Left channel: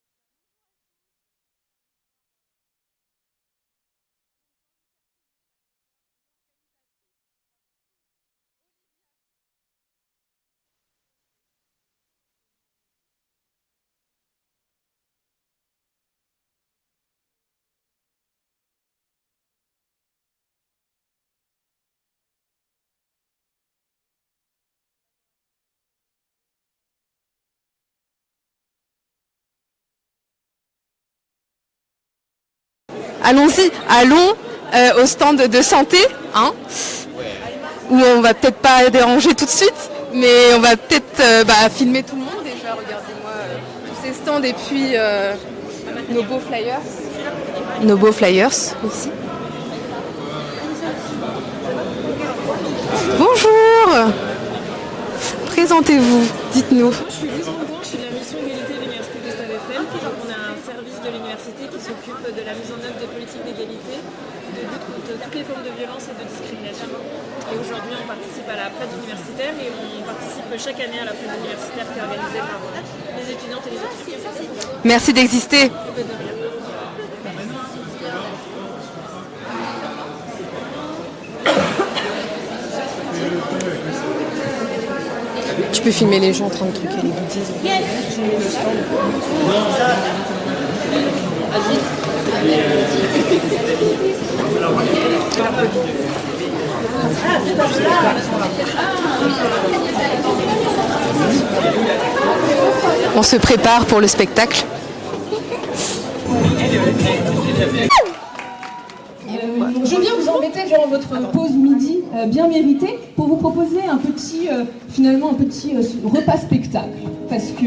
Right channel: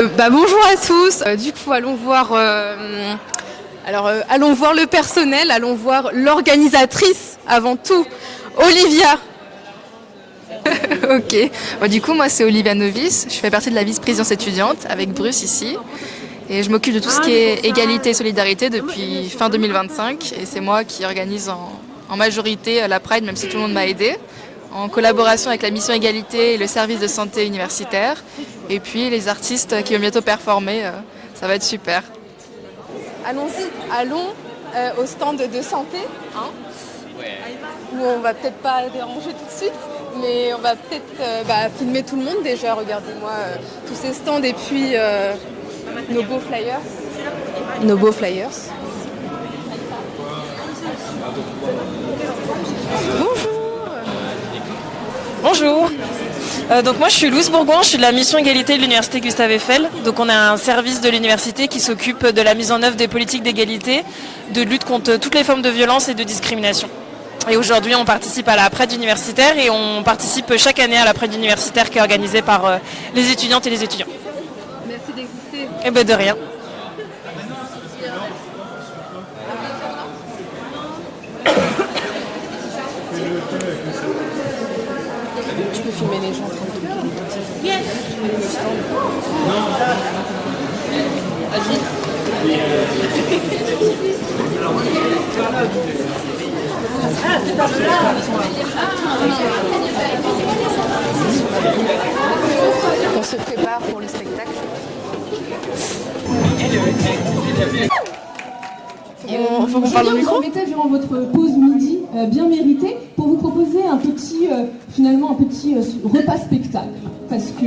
Bonjour à tous. Du coup, allons voir le personnel, allons voir l'organisatrice avant tout, Olivia. Ok. Du coup, moi, c'est Olivia Novis. Je fais partie de la vice-présidence étudiante avec Bruce ici. Et je m'occupe de tout ce qui est égalité et solidarité depuis fin 2025. Et c'est moi qui organise en majorité la Pride, même si tout le monde m'a aidé, en collaboration avec la mission égalité et le service de santé universitaire. Et puis les artistes qui vont bientôt performer, ça va être super. Allons-y, allons au stand de santé, hein, où on va peut-être pas déranger tout de suite, mais on va peut-être filmer tout le monde déjà. Regardez-moi tous ces stands et puis nos beaux flyers. Nos beaux flyers ici. Bonjour. Bonjour. Présentez-vous. Donc moi je suis Louise Bourgoin, je suis de la mission égalité de l'université Gustave Eiffel. Donc on a un service de l'université qui s'occupe de la mise en œuvre des politiques d'égalité, de lutte contre toutes les formes de violence et de discrimination. Et aujourd'hui on participe à la Pride universitaire et on participe chaque année à la Pride universitaire qui est organisée par les étudiantes et les étudiants. Merci d'exister. Et de rien. Tu peux filmer les gens en train de truquer les bêtises. On se prépare pour le spectacle. Je viens vous embêter durant votre pause midi bien méritée pour vous proposer un petit repas spectacle parce que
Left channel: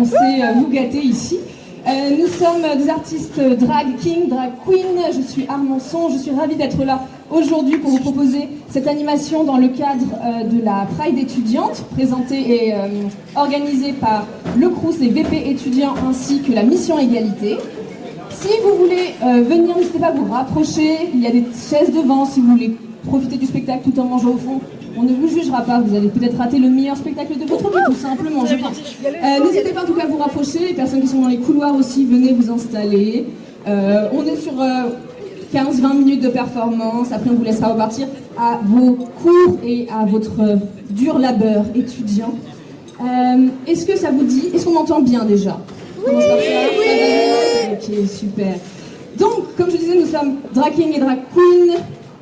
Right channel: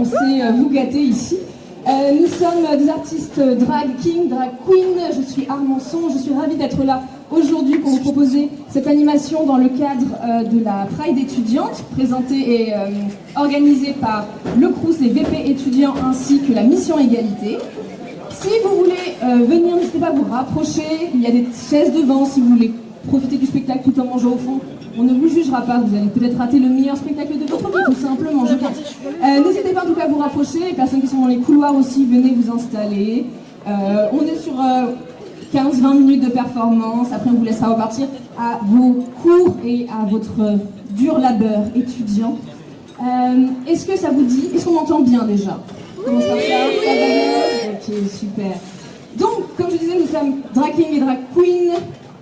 on sait vous gâter ici. Nous sommes des artistes drag king, drag queen. Je suis Armançon, je suis ravie d'être là aujourd'hui pour vous proposer cette animation dans le cadre de la Pride étudiante présentée et organisée par le Crous, les VP étudiants ainsi que la mission égalité. Si vous voulez venir, n'hésitez pas à vous rapprocher, il y a des chaises devant si vous voulez profiter du spectacle tout en mangeant au fond. On ne vous jugera pas, vous allez peut-être rater le meilleur spectacle de votre vie, tout simplement, je pense. N'hésitez pas en tout cas à vous rapprocher, les personnes qui sont dans les couloirs aussi, venez vous installer. On est sur 15-20 minutes de performance, après on vous laissera repartir à vos cours et à votre dur labeur étudiant. Est-ce que ça vous dit, est-ce qu'on m'entend bien déjà? Oui. Ça va bien? Ok, super. Donc, comme je disais, nous sommes drag king et drag queen.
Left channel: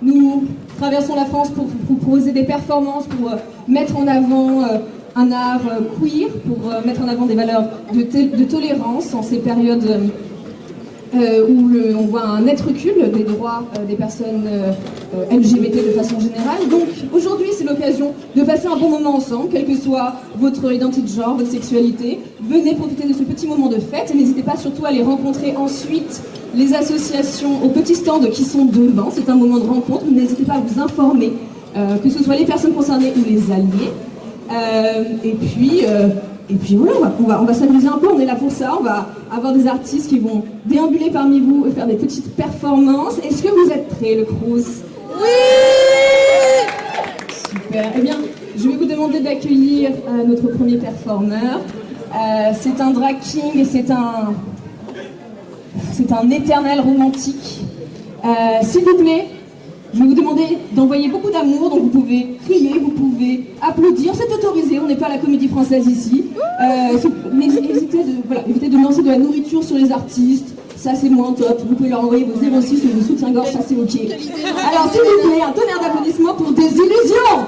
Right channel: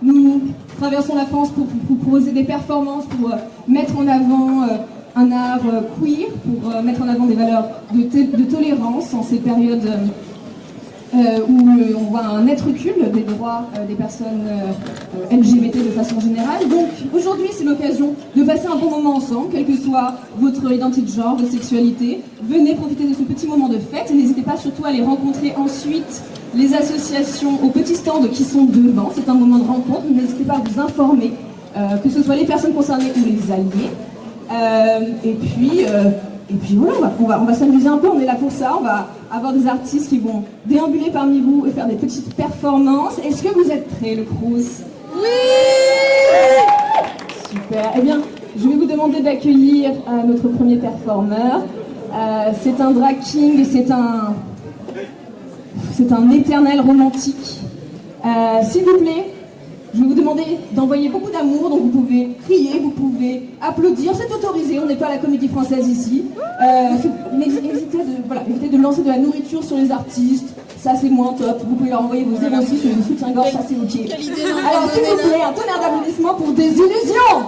Nous traversons la France pour vous proposer des performances, pour mettre en avant un art queer, pour mettre en avant des valeurs de tolérance en ces périodes où on voit un net recul des droits des personnes LGBT de façon générale. Donc aujourd'hui c'est l'occasion de passer un bon moment ensemble, quelle que soit votre identité de genre, votre sexualité. Venez profiter de ce petit moment de fête et n'hésitez pas surtout à aller rencontrer ensuite les associations aux petits stands qui sont devant. C'est un moment de rencontre, n'hésitez pas à vous informer, que ce soit les personnes concernées ou les alliés. Et puis voilà, on va s'amuser un peu, on est là pour ça, on va avoir des artistes qui vont déambuler parmi vous et faire des petites performances. Est-ce que vous êtes prêts, le Crous? Oui! Super, eh bien, je vais vous demander d'accueillir notre premier performeur. C'est un drag king et c'est un éternel romantique. S'il vous plaît, je vais vous demander d'envoyer beaucoup d'amour, donc vous pouvez crier, vous pouvez applaudir, c'est autorisé, on n'est pas à la Comédie Française ici. Évitez de lancer de la nourriture sur les artistes, ça c'est moins top. Vous pouvez leur envoyer vos 06 ou vos soutiens-gorge, ça c'est ok. Alors s'il vous plaît, un tonnerre d'applaudissements pour des illusions.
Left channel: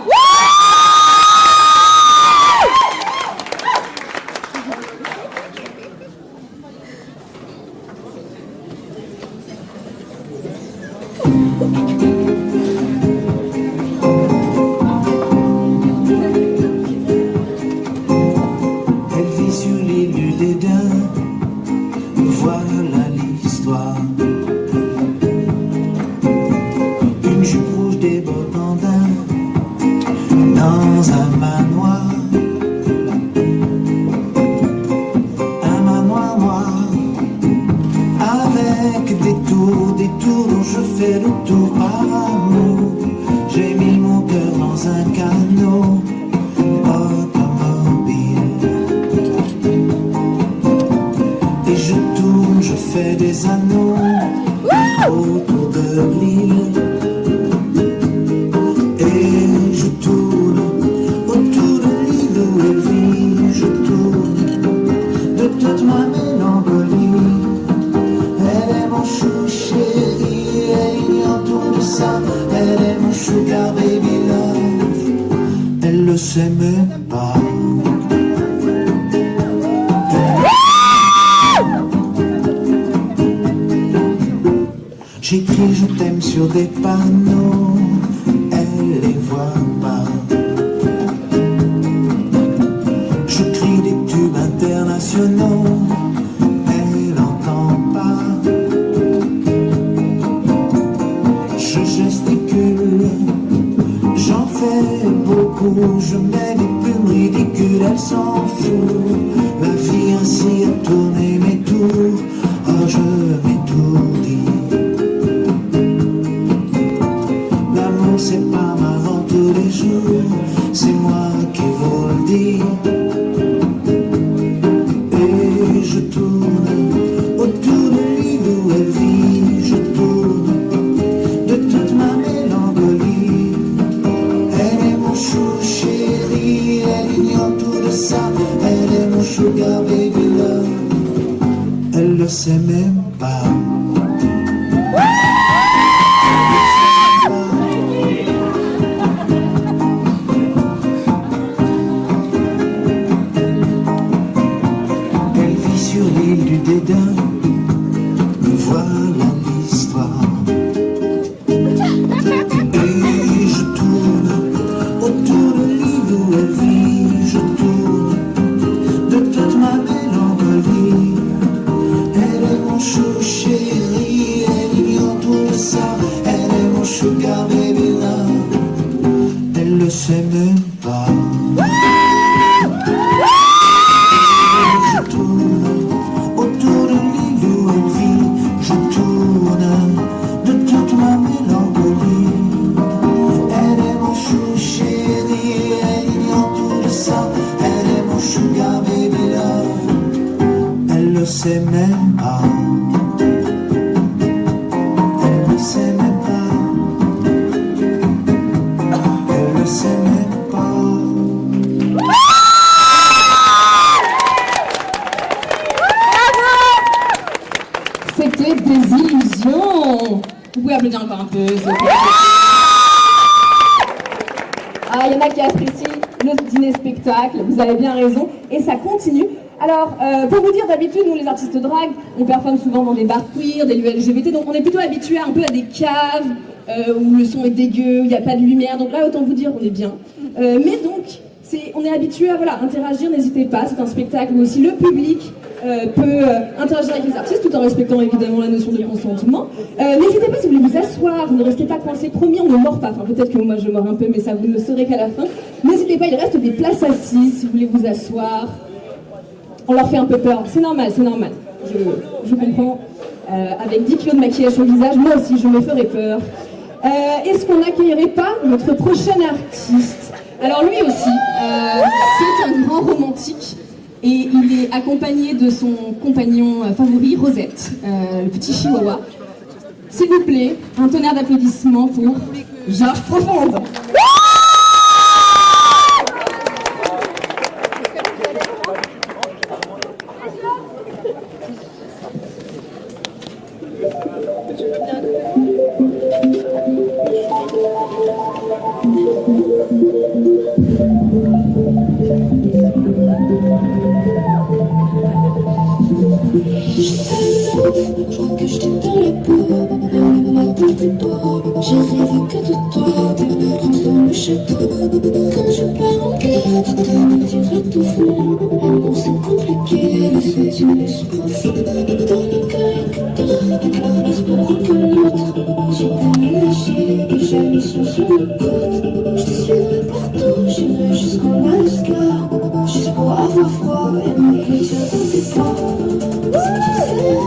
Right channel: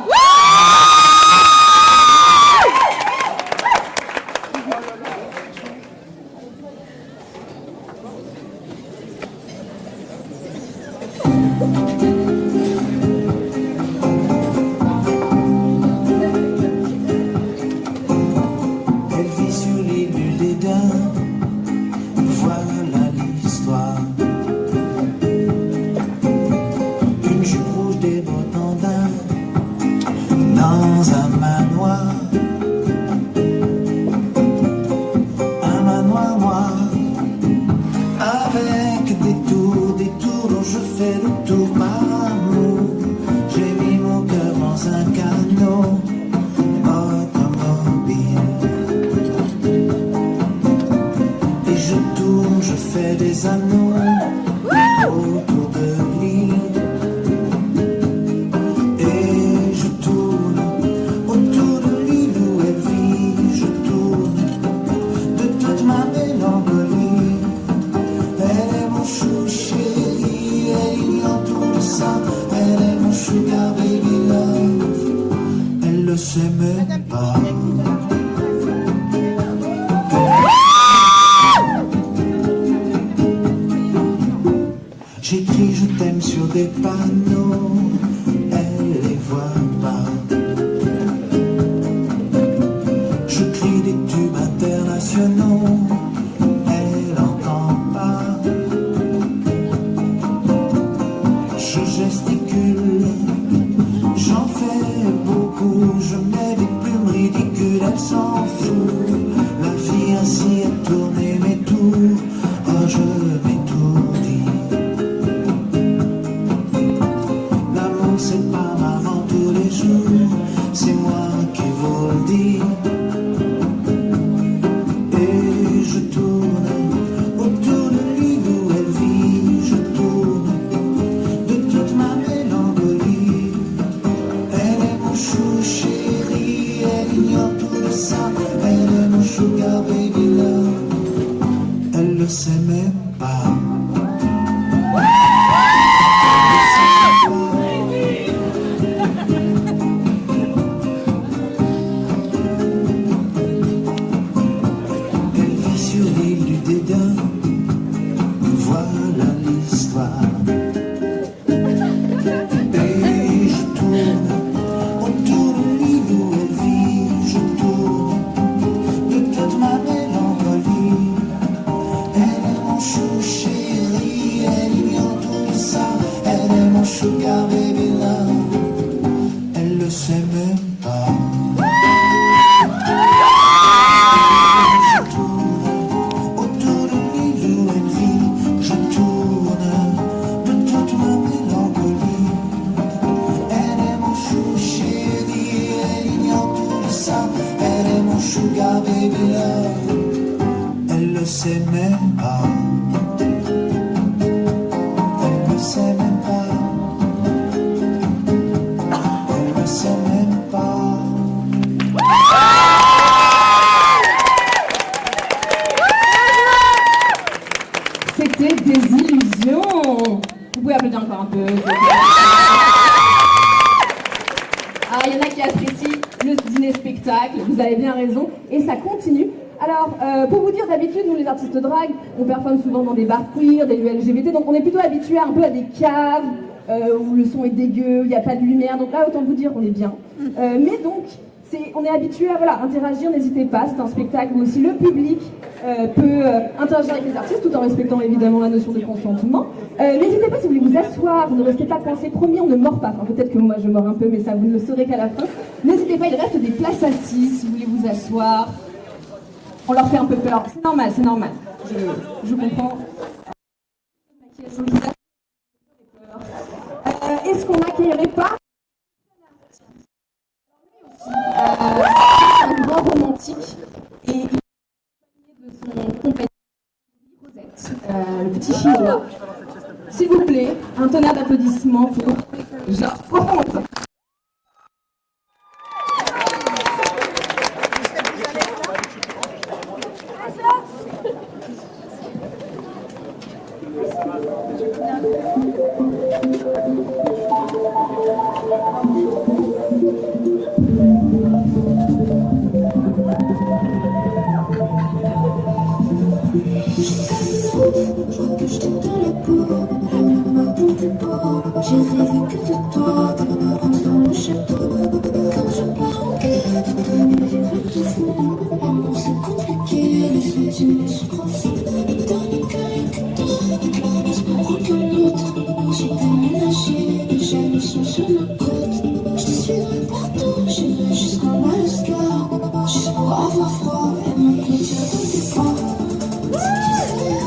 des anneaux autour de l'île. Et je tourne autour de l'île où elle vit. Je tourne de toute ma mélancolie. Elle est mon chou chéri, elle ignore tout de ça. Elle est mon sugar baby love. Elle le sait même pas. J'écris je t'aime sur des panneaux, elle les voit pas. Je crie des tubes internationaux, elle n'entend pas. Je gesticule, j'en fais beaucoup, je mets des pubs ridicules, elle s'en fout. La vie ainsi a tourné mes tours, oh je m'étourdis. L'amour c'est pas marrant tous les jours, c'est moi qui vous le dis. Et je tourne autour de l'île où elle vit. Je tourne de toute ma mélancolie. Elle est mon chou chéri, elle ignore tout de ça. Elle est mon sugar baby love. Elle le sait même pas. Elle vit sur l'île du dédain. Voilà l'histoire. Et je tourne autour de l'île où elle vit. Je tourne de toute ma mélancolie. Elle est mon chou chéri, elle ignore tout de ça. Elle est mon sugar baby love. Elle le sait même pas. Je tourne autour de l'île où elle vit. Je tourne de toute ma mélancolie. Elle est mon chou chéri, elle ignore tout de ça. Elle est mon sugar baby love. Elle le sait même pas. Elle le sait même pas. Elle le sait même pas. C'était Désillusion. Vous pouvez applaudir encore un peu. s'il vous plaît. Ah, il y en a qui apprécient le dîner spectacle, vous avez bien raison, et ça continue. Alors, pour vous dire, d'habitude, nous les artistes drag, on performe souvent dans des bars queer, des lieux LGBT, donc on est plutôt habitués un peu à des caves où le son est dégueu, où il n'y a pas de lumière, donc là, autant vous dire, on est bien. Mais donc, on est habitué à voilà, interagir, n'hésitez pas, c'est un spectacle où aussi le public peut interagir avec les artistes tout en respectant évidemment la notion de consentement. N'hésitez pas si vous voulez vous asseoir, ne restez pas coincés, promis on ne mord pas, enfin peut-être que moi je mords un peu mais ça vous ne le saurez qu'à la fin. N'hésitez pas, il reste des places assises si vous voulez vous asseoir. On leur fait un peu peur, c'est normal, je comprends. Avec 10 kilos de maquillage sur le visage, moi aussi je me ferais peur. Est-ce qu'on n'accueillerait pas notre prochain artiste? Alors lui aussi, c'est un grand romantique et il est accompagné de son compagnon favori, Rosette, le petit chihuahua. S'il vous plaît, un tonnerre d'applaudissements pour Georges Profonde. J'ai rêvé que de toi, des vacances dans le château. Quand je pars en quête, tu vas tout faire. L'amour c'est compliqué, les yeux tu les souffles. Dans le cœur et que toi, l'espoir aucun autre. J'ai déménagé et j'ai mis son sur le côte. Je te suivrai partout, j'irai jusqu'en Alaska. Juste pour avoir froid et me plaisir dans tes corps. Si tu sais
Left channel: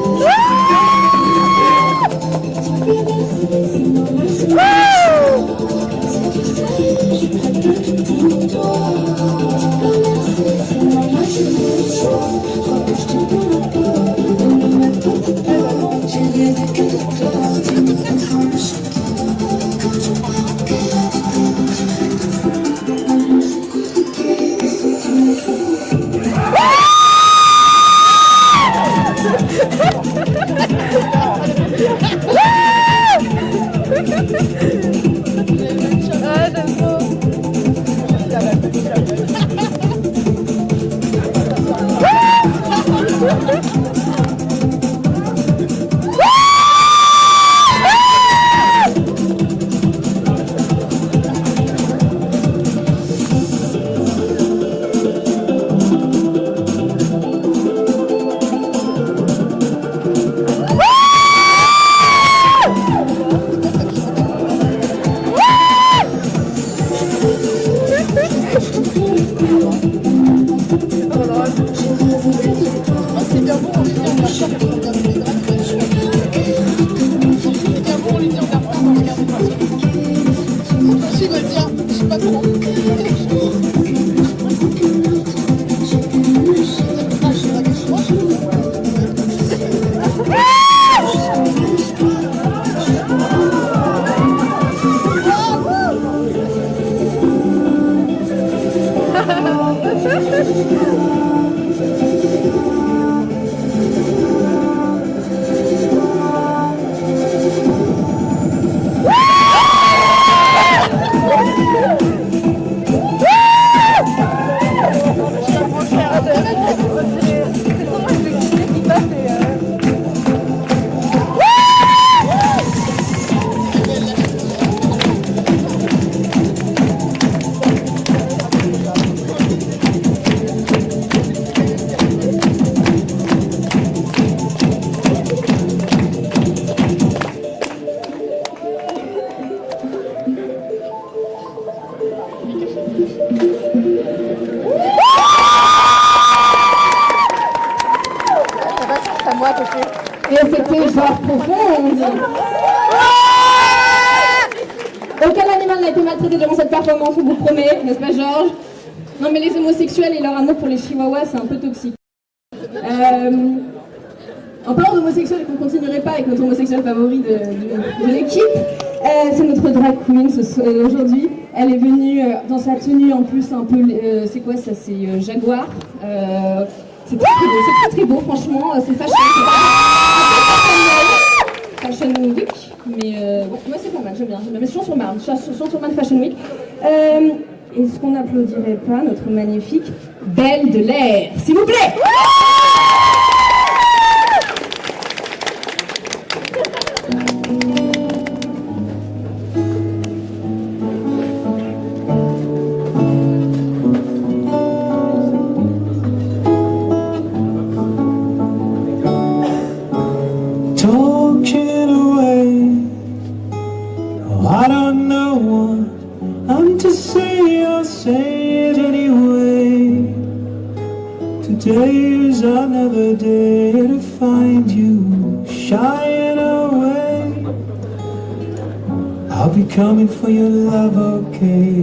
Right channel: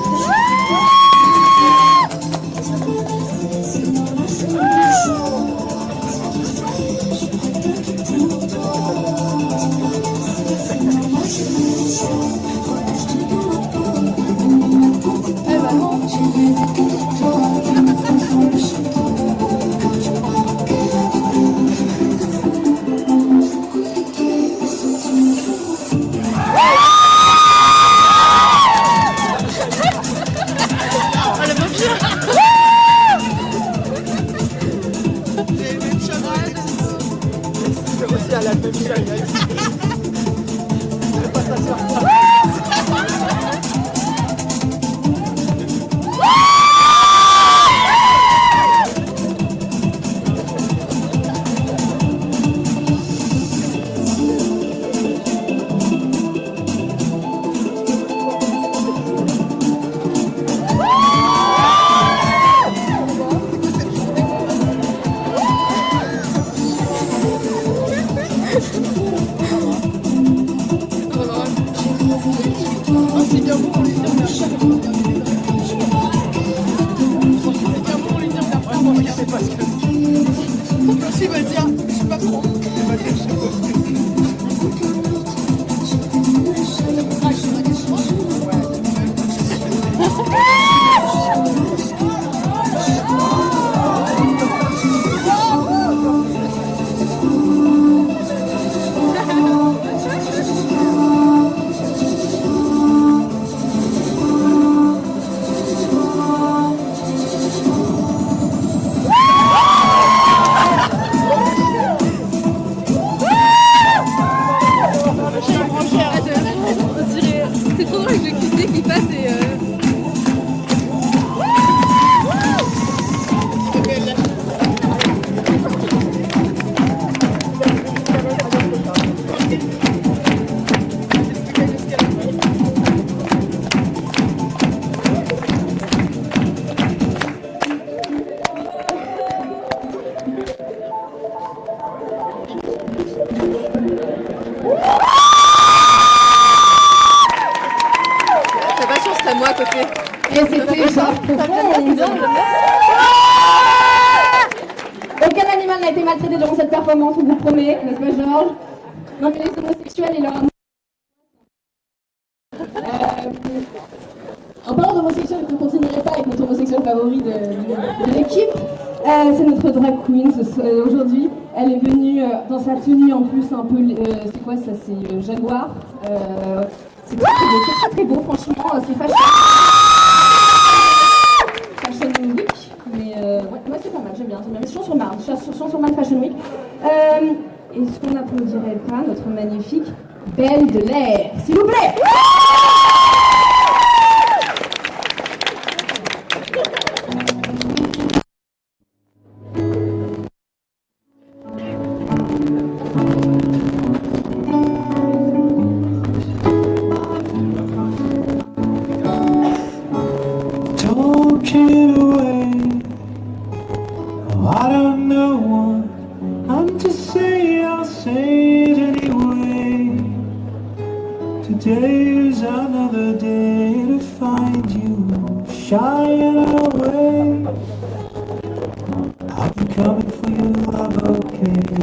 à moi à côté. Et c'était genre profond. Aucun animal n'a été maltraité durant cette performance, on vous promet, n'est-ce pas Georges? Non mais les homosexuels et leur amour pour les chihuahuas, c'est un peu toxique. En parlant d'homosexuels, qu'on ne continuerait pas avec notre homosexuel favori de l'équipe, c'est notre drag queen aujourd'hui. Elle est venue dans sa tenue en plus un peu, c'est quoi ça? C'est jaguar. C'est très beau, franchement. C'est Fashion Week, mais ouais, moi c'est pas mal, j'aime bien. Mais Champs-sur-Marne, Champs-sur-Marne Fashion Week. Est-ce qu'on n'applaudirait pas notre magnifique Belle de l'air, s'il vous plaît? Talking away. Oh, I don't know what I'm to say, I'll say it anyway. Today is another day to find you shying away. I'll be coming for your love, okay?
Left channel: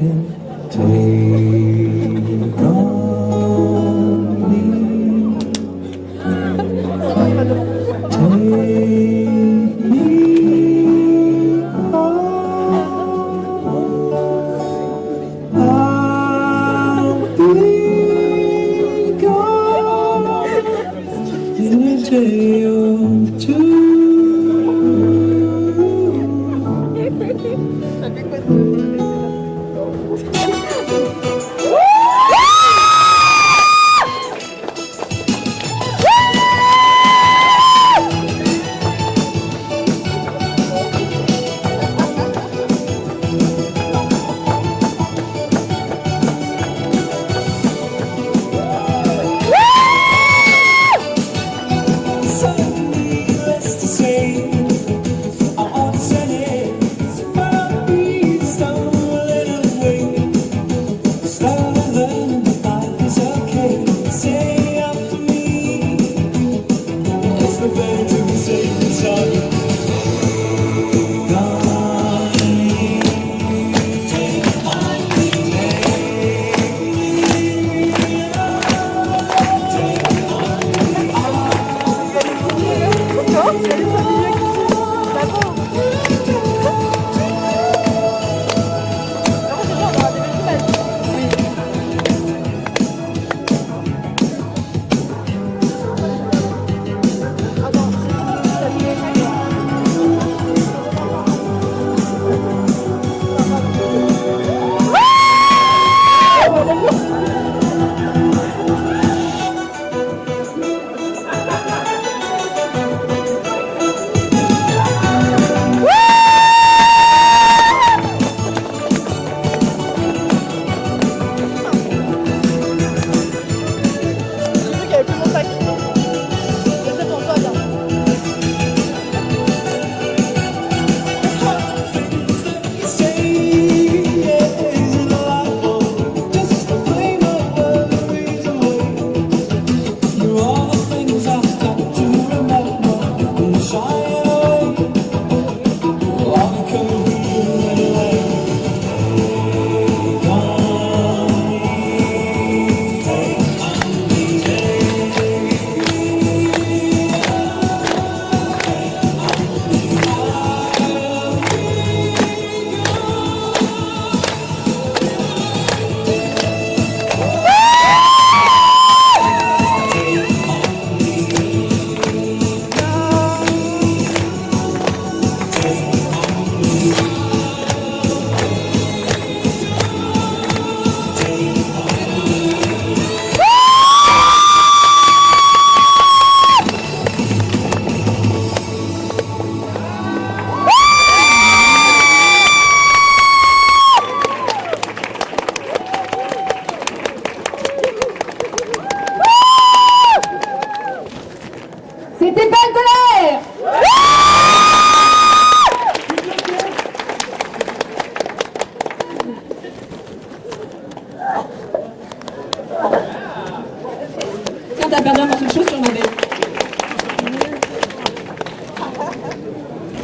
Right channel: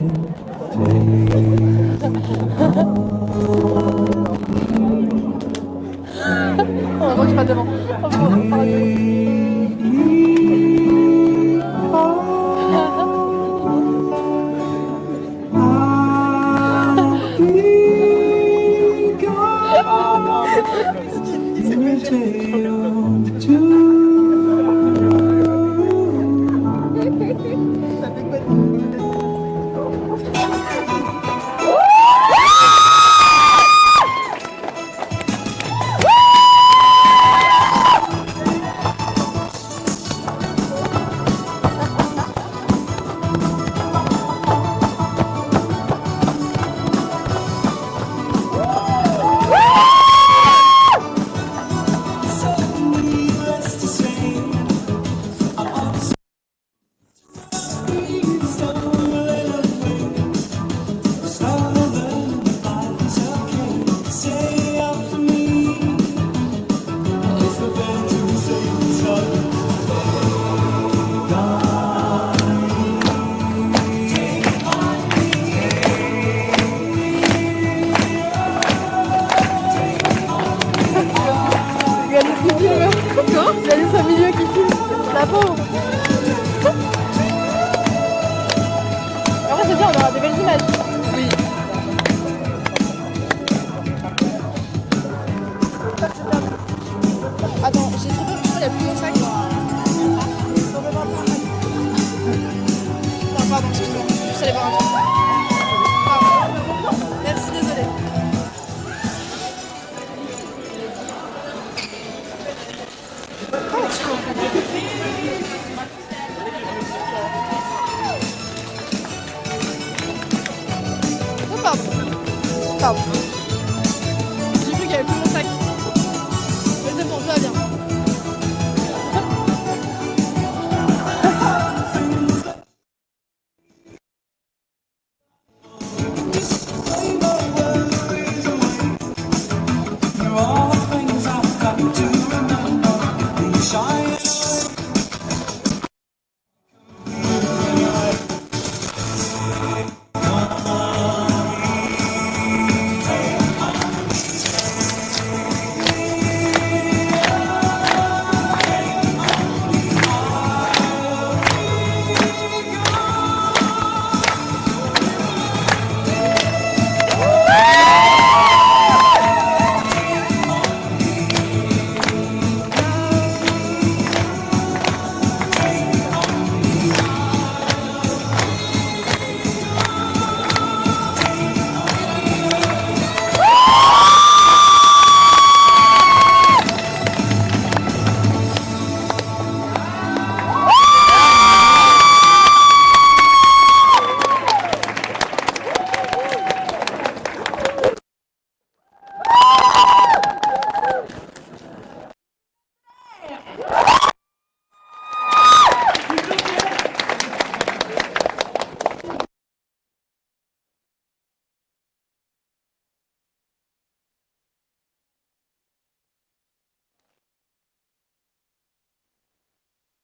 Tiens, t'as perdu un morceau de chaussure, ma belle.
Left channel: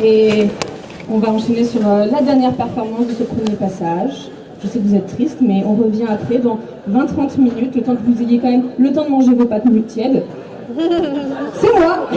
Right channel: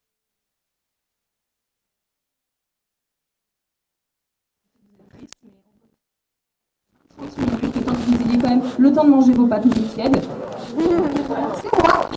Et on va enchaîner sur la dernière performance de ce premier passage. Je sais que vous êtes triste, mais on revient après dans 20-30 minutes, le temps que vous ayez quand même le temps de manger vos pâtes nouilles tièdes. C'est moi.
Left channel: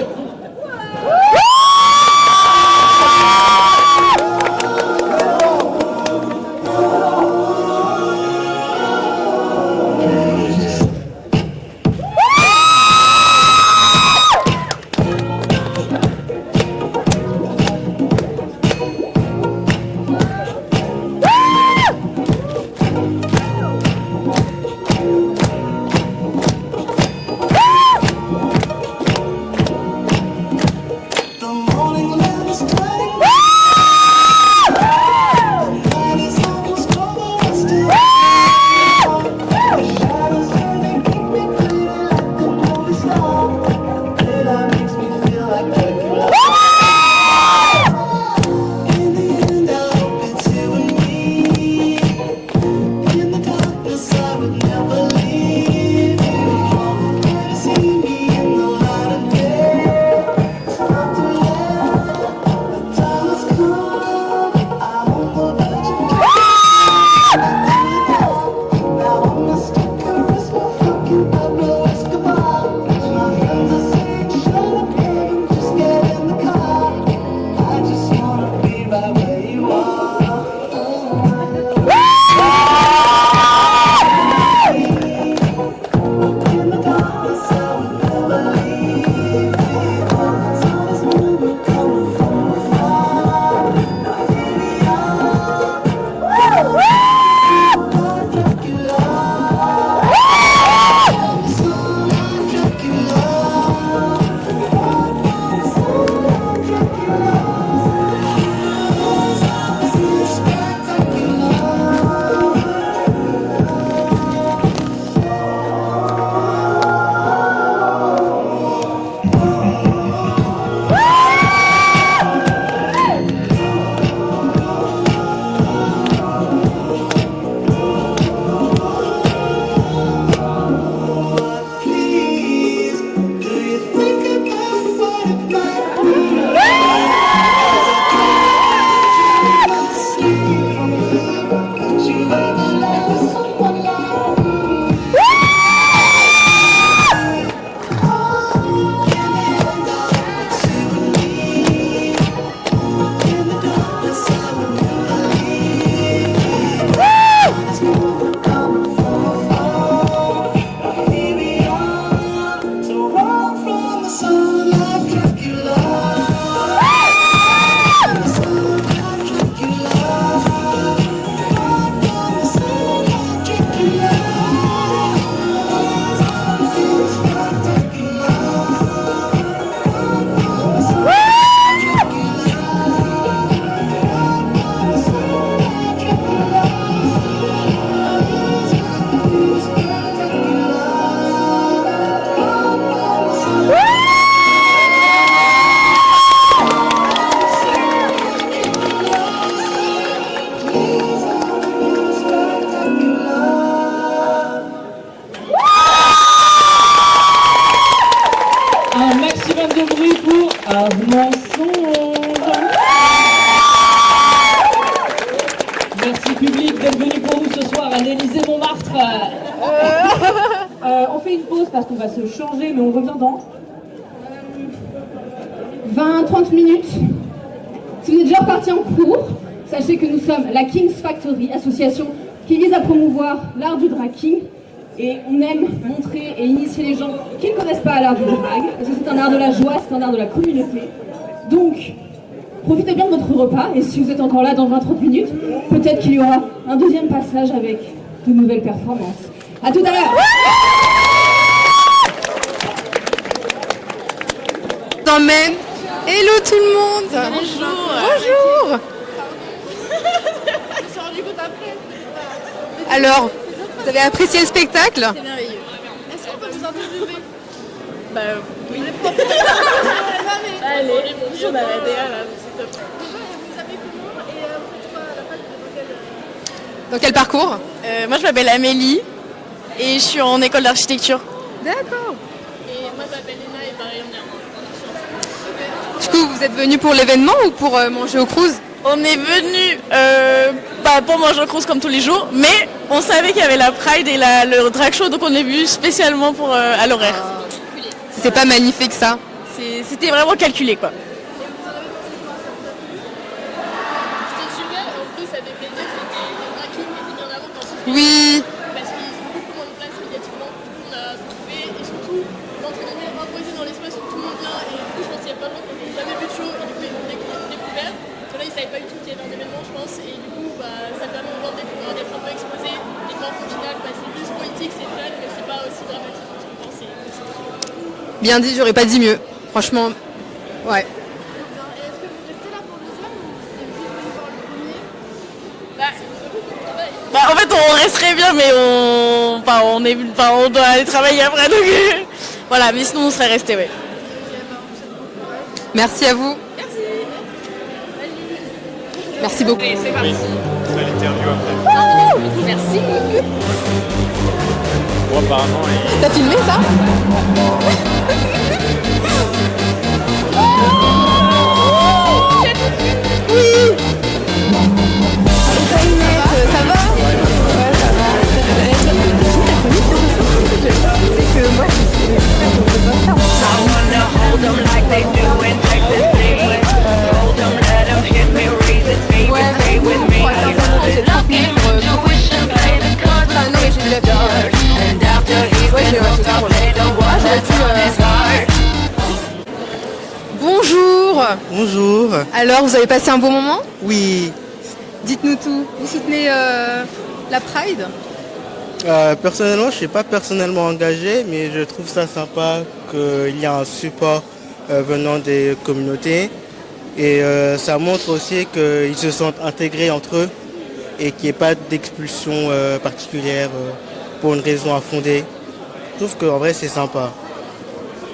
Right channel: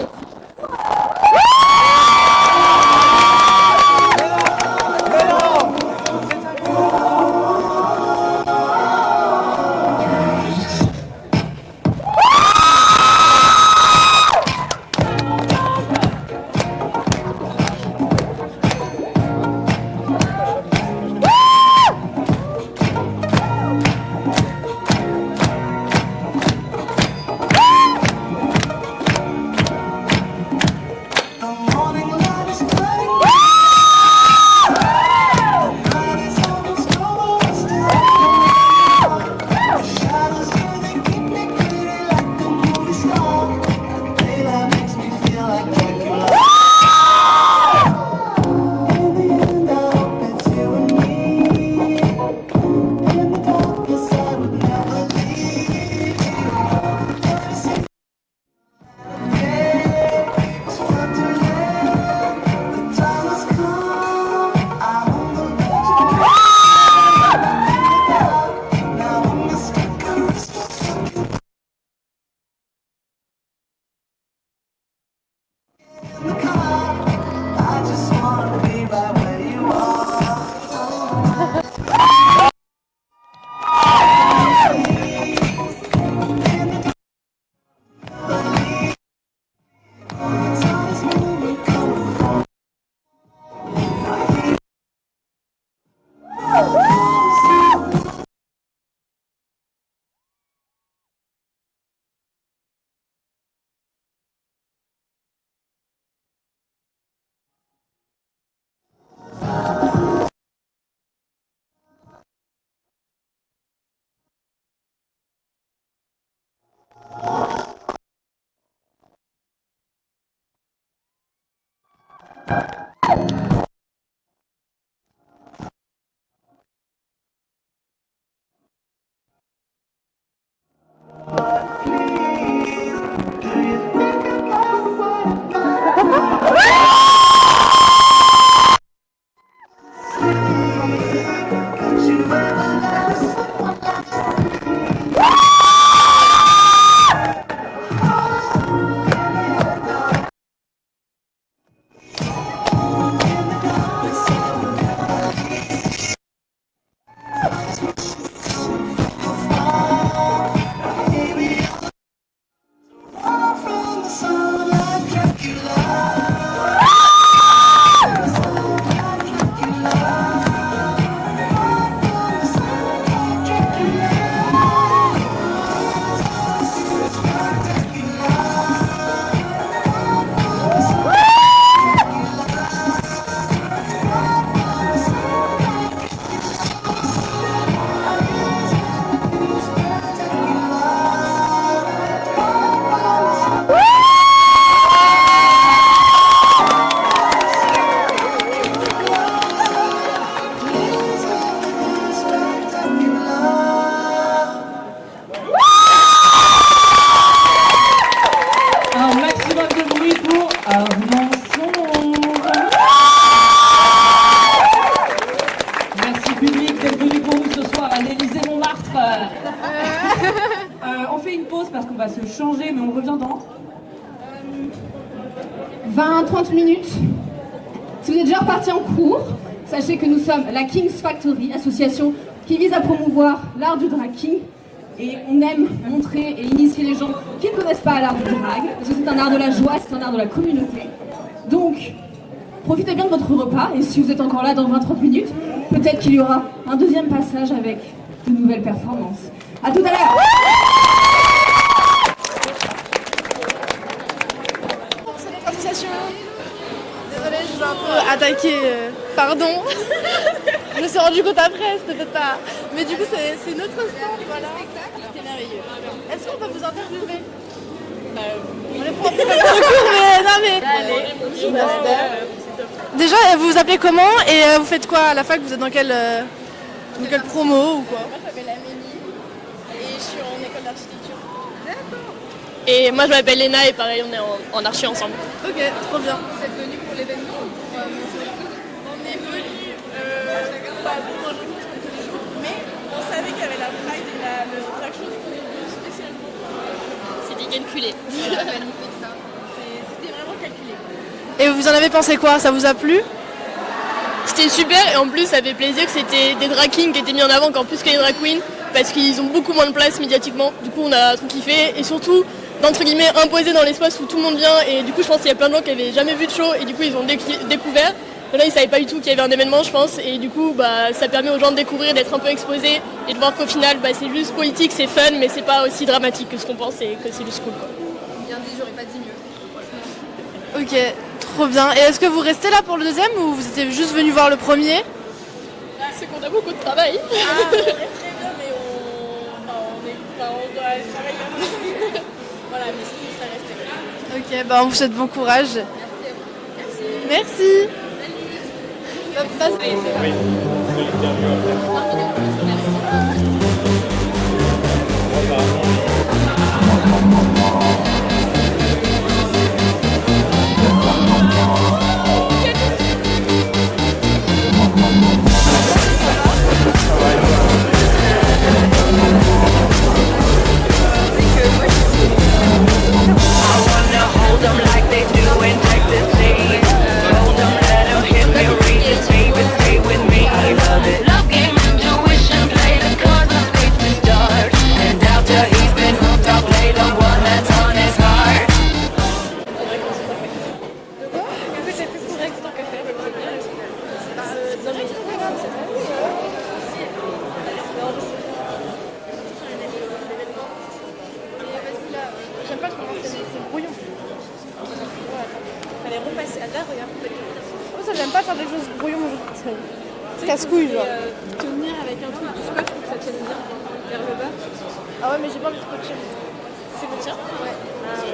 On fait une pause parce qu'on va se changer, mais on revient dans 20-30 minutes. Si vous êtes déjà reparti en cours, sachez que nous sommes la King's Factory, association qui vise à promouvoir l'art du drag king. Et on aime montrer et initier les gens qui ne connaissent pas l'art du drag, parce que c'est un art de la joie, c'est un art de la communauté. Donc, profitez bien de votre repas, et si vous êtes encore là dans 20-30 minutes, peut-être qu'il y aura un deuxième passage avec de nouvelles performances. A tout à l'heure. Non mais, hello tout le monde. Bonjour. Pardon. Je me suis rendu compte après, c'était peut-être pas... Mais Alors, c'est notre vous avez apprécié le spectacle? C'est merveilleux. Est-ce qu'on peut vous interviewer? Bah oui. Allez, déjà, vous vous appelez comment et vous faites quoi à la fac? Vous êtes dans quel parcours? Moi, je m'appelle Amélie et je suis en école d'architecture. D'accord. Et moi je m'appelle Léna et pareil on est en archi ensemble. Du coup, vous êtes venus pour l'événement ou pour manger au Cruz? On est venu pour manger au Cruz comme tous les jours, mais on savait qu'il y avait la Pride et le drag show, donc on est venu spécialement à l'horaire. C'est pas magnifique ça? C'était vraiment calculé quoi. Et vous en avez pensé quoi? Ça vous a plu? C'était super et en plus ça fait plaisir que c'était des drag kings qui étaient mis en avant qu'en plus que les drag queens parce qu'ils ont beaucoup moins de place médiatiquement. Du coup on a tout kiffé et surtout d'entre guillemets imposé dans l'espace où tout le monde vient et du coup je pense qu'il y a plein de gens qui avaient jamais vu de show et du coup ils ont découvert. Là, ils ne savaient pas du tout qu'il y avait un événement, je pense, et du coup, ça permet aux gens de découvrir, d'être un peu exposés et de voir qu'au final, c'est juste politique, c'est fun, mais c'est pas aussi dramatique que ce qu'on pense et que c'est juste cool. Bien dit, j'aurais pas dit mieux. Franchement. Ok, ouais. Trop bien. Et est-ce que vous restez là pour le deuxième ou vous étiez juste venu voir le premier? C'est qu'on a beaucoup de travail. En fait, on resterait bien, mais on doit aller travailler après, donc voilà, mais sinon on serait resté, ouais. Ok, on vous souhaite bon courage. Merci à vous. Merci. Merci beaucoup. C'est parti. Merci. T'as filmé ça? I wanna hold them like they do in Texas, please. Hold them, let them hit me, raise it, baby, stay with me. Love game, intuition, play the cards, I'm late to start. And after he's been hooked, I'll play the one that's on his heart. Bonjour. Bonjour. Alors, vous avez passé un bon moment? Oui. Dites-nous tout. Vous soutenez la Pride? Personnellement, je ne suis pas personnellement engagé, mais je trouve ça sympa qu'il y a un support venant des communautés. Et ça montre aussi qu'ils se sentent intégrés entre eux et qu'il n'y ait pas d'expulsion particulière pour une raison à fonder. Je trouve qu'en vrai, c'est sympa.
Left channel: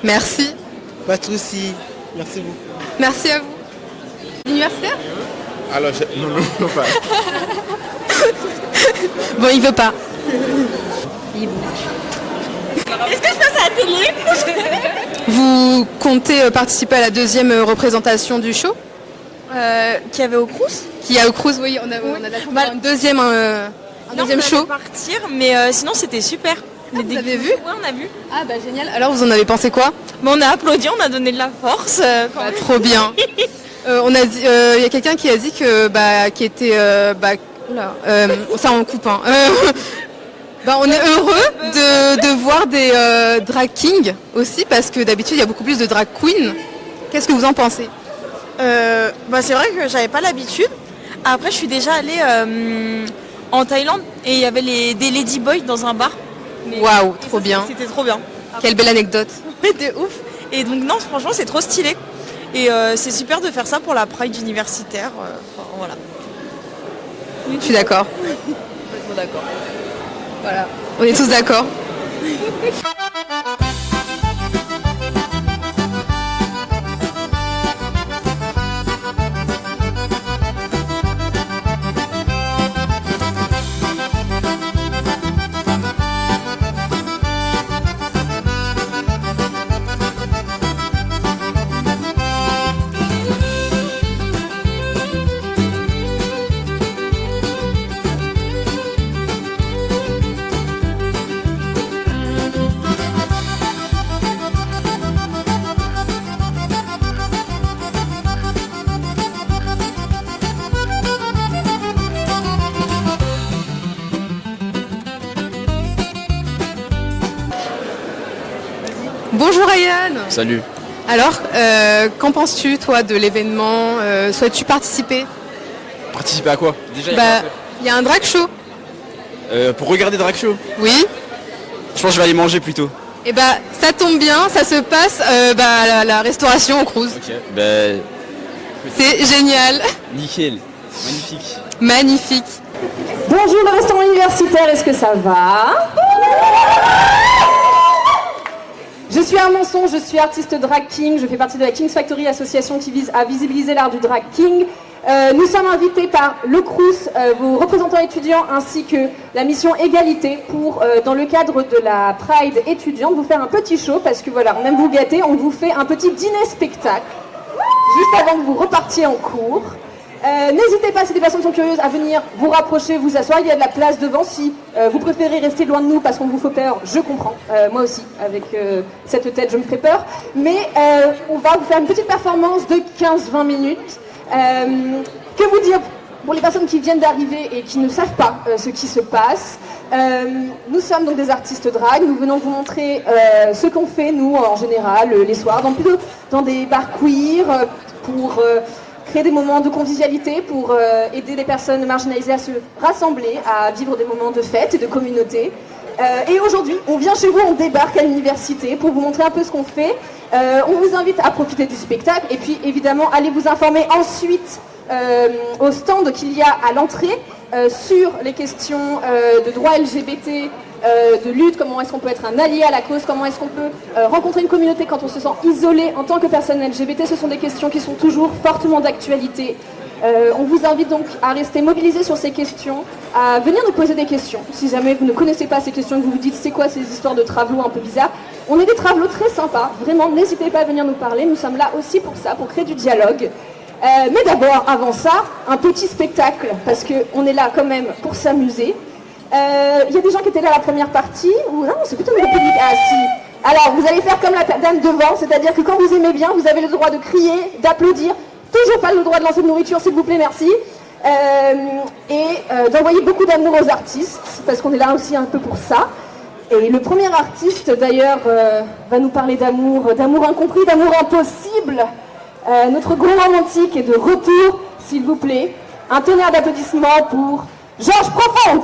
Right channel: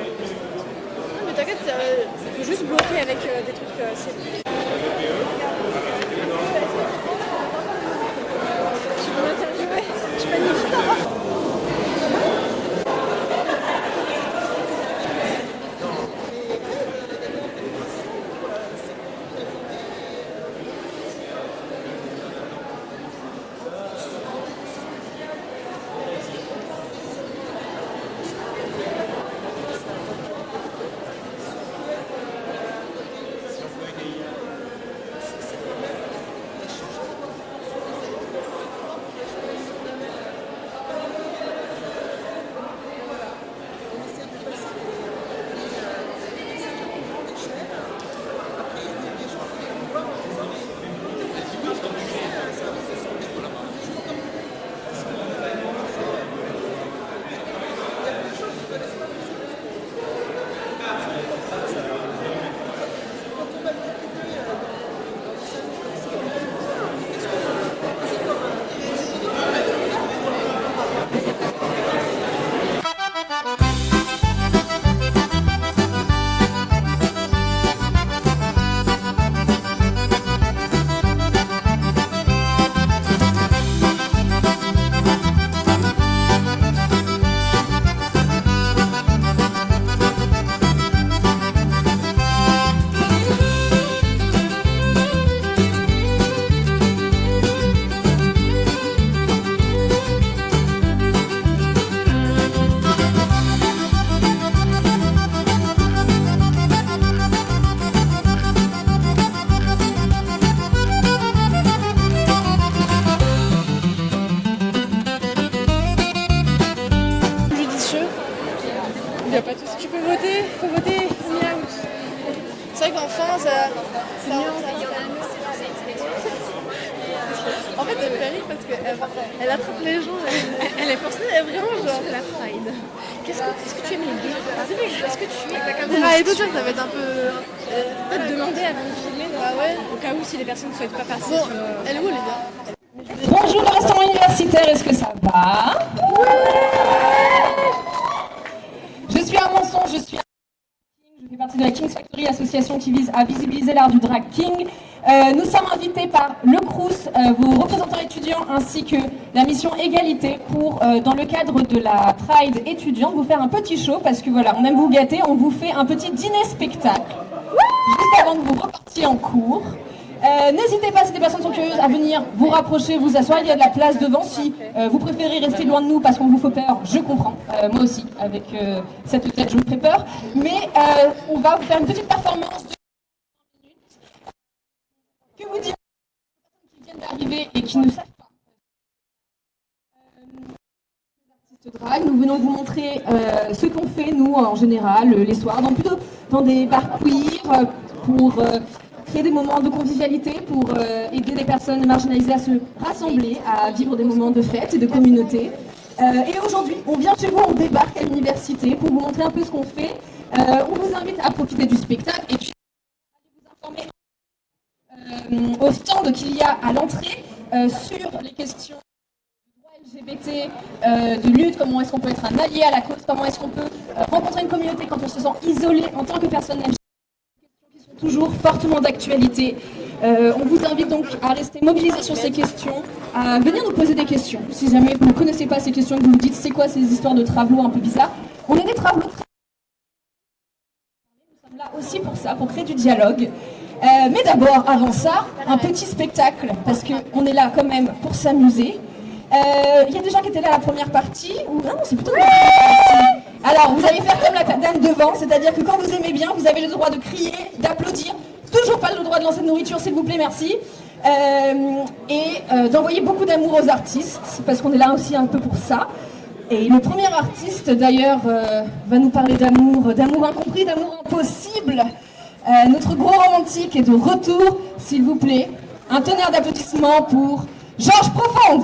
Merci. Pas de souci. Merci beaucoup. Merci à vous. Universitaire? Alors, non, pas. Bon, il veut pas. Est-ce que je passe à la télé? Vous comptez participer à la deuxième représentation du show? Qui avait au Crous? Qui a au Cruz, oui, on a un deuxième show. Partir, mais sinon c'était super. Vous avez vu? Ouais, on a vu. Ah bah génial. Alors vous en avez pensé quoi? Mais on a applaudi, on a donné de la force. Trop bien. Il y a quelqu'un qui a dit que qui était ça on coupe hein. On est heureux de voir des drag kings aussi parce que d'habitude il y a beaucoup plus de drag queens. Qu'est-ce que vous en pensez? C'est vrai que j'avais pas l'habitude. Après je suis déjà allée en Thaïlande et il y avait des ladyboys dans un bar. Waouh, trop bien. C'était trop bien. Quelle belle anecdote. C'était ouf. Et donc non, franchement c'est trop stylé. Et c'est super de faire ça pour la Pride universitaire. Voilà. Je suis d'accord. Voilà. On est tous d'accord. Bonjour Ryan. Salut. Alors, qu'en penses-tu toi de l'événement? Souhaites-tu participer? Participer à quoi déjà? Il y a un drag show. Pour regarder drag show? Oui. Je pense que je vais aller manger plutôt. Et ça tombe bien, ça se passe à la restauration au Cruz. C'est génial. Nickel. Magnifique. Bonjour le restaurant universitaire, est-ce que ça va? Je suis Armançon, je suis artiste drag king, je fais partie de la King's Factory, association qui vise à visibiliser l'art du drag king. Nous sommes invités par le Crous, vos représentants étudiants, ainsi que la mission Égalité pour, dans le cadre de la Pride étudiante, vous faire un petit show, parce que voilà, on aime vous gâter, on vous fait un petit dîner-spectacle, juste avant que vous repartiez en cours. N'hésitez pas, si des personnes sont curieuses, à venir vous rapprocher, vous asseoir. Il y a de la place devant. Si vous préférez rester loin de nous parce qu'on vous fait peur, je comprends. Moi aussi, avec cette tête, je me fais peur. Mais on va vous faire une petite performance de 15-20 minutes. Que vous dire pour les personnes qui viennent d'arriver et qui ne savent pas ce qui se passe? Nous sommes donc des artistes drag. Nous venons vous montrer ce qu'on fait, nous, en général, les soirs, plutôt dans des bars queer, pour créer des moments de convivialité, pour aider les personnes marginalisées à se rassembler, à vivre des moments de fête et de communauté. Et aujourd'hui, on vient chez vous, on débarque à l'université pour vous montrer un peu ce qu'on fait. On vous invite à profiter du spectacle et puis évidemment, allez vous informer ensuite au stand qu'il y a à l'entrée sur les questions de droits LGBT, de lutte, comment est-ce qu'on peut être un allié à la cause, comment est-ce qu'on peut rencontrer une communauté quand on se sent isolé en tant que personne LGBT. Ce sont des questions qui sont toujours fortement d'actualité. On vous invite donc à rester mobilisés sur ces questions, à venir nous poser des questions. Si jamais vous ne connaissez pas ces questions et que vous vous dites c'est quoi ces histoires de travelots un peu bizarres, on est des travelots très sympas, vraiment n'hésitez pas à venir nous parler, nous sommes là aussi pour ça, pour créer du dialogue. Mais d'abord, avant ça, un petit spectacle, parce qu'on est là quand même pour s'amuser. Il y a des gens qui étaient là à la première partie, ou non, c'est plutôt le public. Alors, vous allez faire comme la dame devant, c'est-à-dire que quand vous aimez bien, vous avez le droit de crier, d'applaudir, toujours pas le droit de lancer de nourriture, s'il vous plaît, merci. Et d'envoyer beaucoup d'amour aux artistes, parce qu'on est là aussi un peu pour ça. Et le premier artiste, d'ailleurs, va nous parler d'amour, d'amour incompris, d'amour impossible. Notre grand romantique est de retour, s'il vous plaît. Un tonnerre d'applaudissements pour Georges Profonde.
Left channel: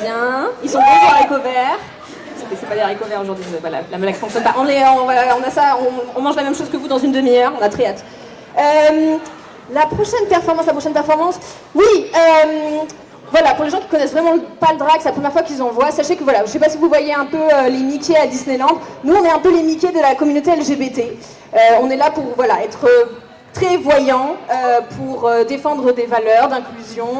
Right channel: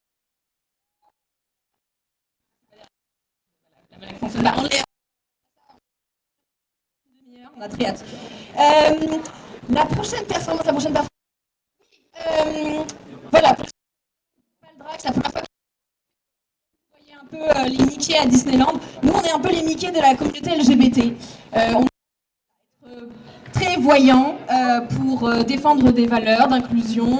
bien. Ils sont bons les haricots verts. C'est pas des haricots verts aujourd'hui, la blague fonctionne pas. On a ça, on mange la même chose que vous dans une demi-heure, on a très hâte. La prochaine performance, oui, voilà, pour les gens qui connaissent vraiment pas le drag, c'est la première fois qu'ils en voient, sachez que voilà, je sais pas si vous voyez un peu les Mickey à Disneyland, nous on est un peu les Mickey de la communauté LGBT. On est là pour voilà, être très voyants, pour défendre des valeurs d'inclusion,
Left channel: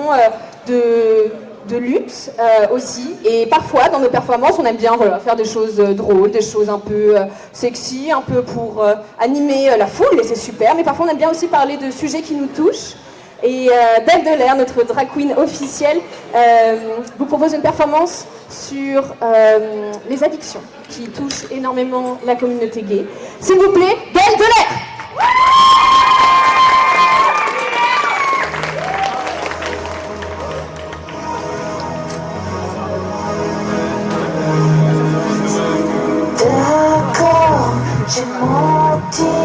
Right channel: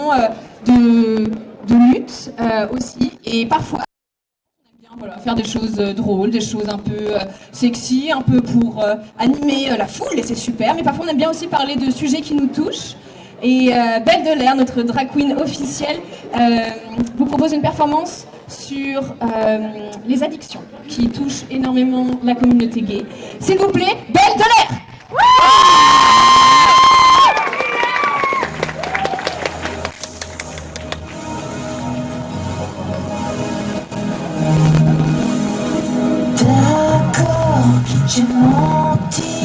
de lutte aussi, et parfois dans nos performances on aime bien voilà, faire des choses drôles, des choses un peu sexy, un peu pour animer la foule et c'est super, mais parfois on aime bien aussi parler de sujets qui nous touchent. Et Belle de l'air, notre drag queen officielle, vous propose une performance sur les addictions qui touchent énormément la communauté gay. S'il vous plaît, Belle de l'air. D'accord, j'ai menti,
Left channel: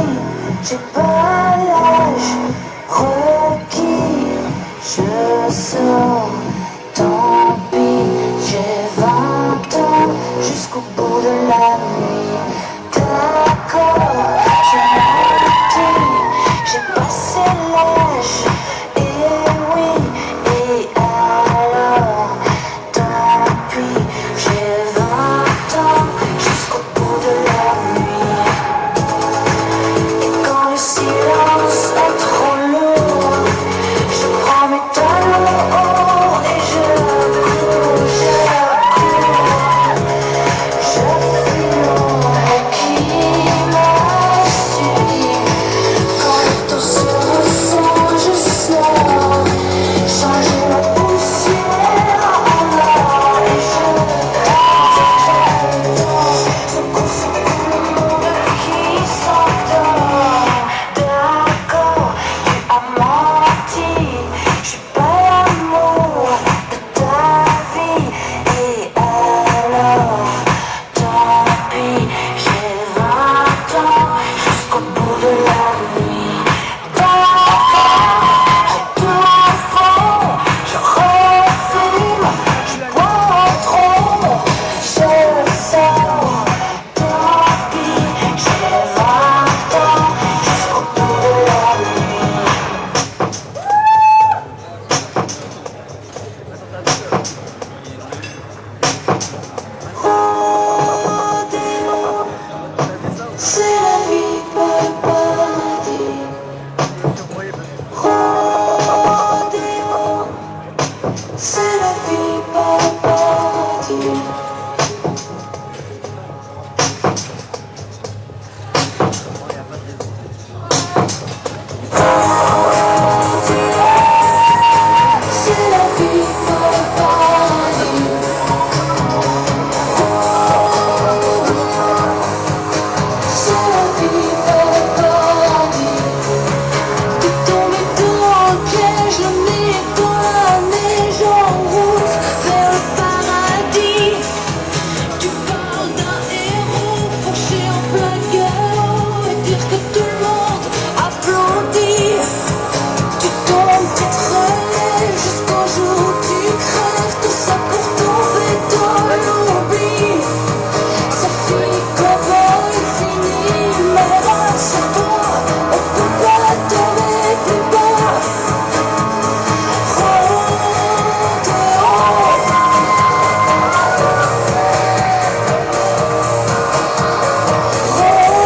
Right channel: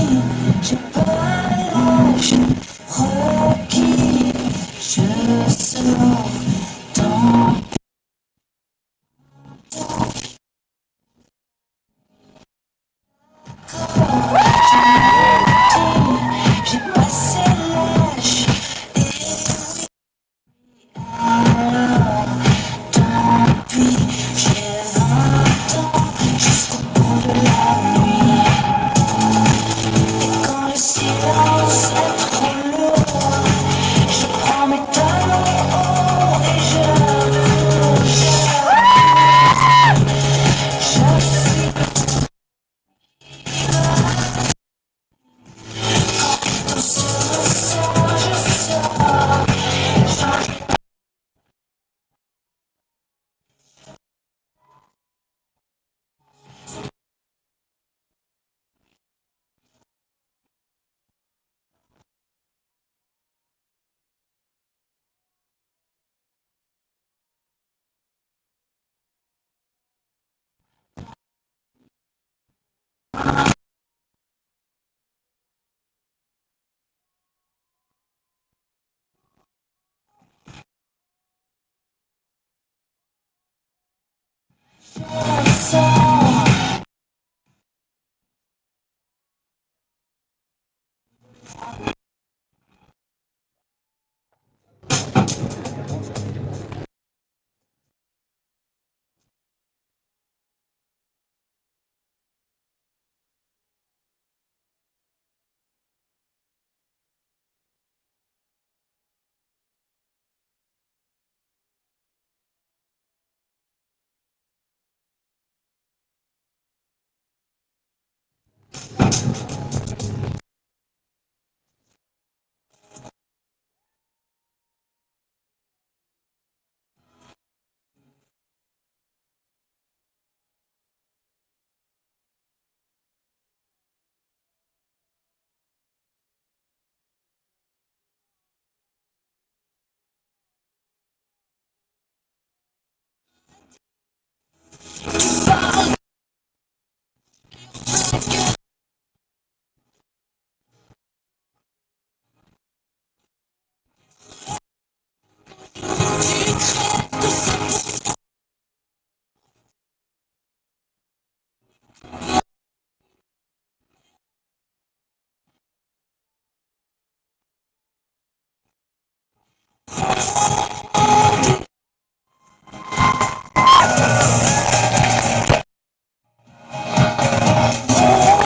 j'ai pas l'âge requis, je sors, tant pis, j'ai 20 ans jusqu'au bout de la nuit. D'accord, j'ai menti, j'ai passé l'âge, et oui, et alors, tant pis, j'ai 20 ans jusqu'au bout de la nuit. Et quand le silence est trop lourd, je prends mes talons hauts et je cours, je suis l'ombre qui m'a suivi. Quand tout se ressent, je sors, change la poussière en or et je danse, je confond le monde qui s'endort. D'accord, tu as menti, je suis pas l'amour de ta vie. Et alors, tant pis, j'ai 20 ans jusqu'au bout de la nuit. D'accord, j'ai tout au fond, je refume, je bois trop, je sors. Tant pis, j'ai 20 ans jusqu'au bout de la nuit. Rodéo, c'est la vie, pas le paradis. Rodéo, c'est la vie, pas le paradis. C'est la vie, pas le paradis. C'est la vie, pas le paradis. T'es tombé dans le piège, le nez dans la neige, en route vers le paradis. Tu parles d'un héros fauché en plein galop et dire que tout le monde applaudit. Tu tombes, tu traînes jusqu'au jour où tu crèves, tout ça pour tomber dans l'oubli. Ça finit cowboy, finit malade sur toi, on peut pas tomber plus bas. Rodéo,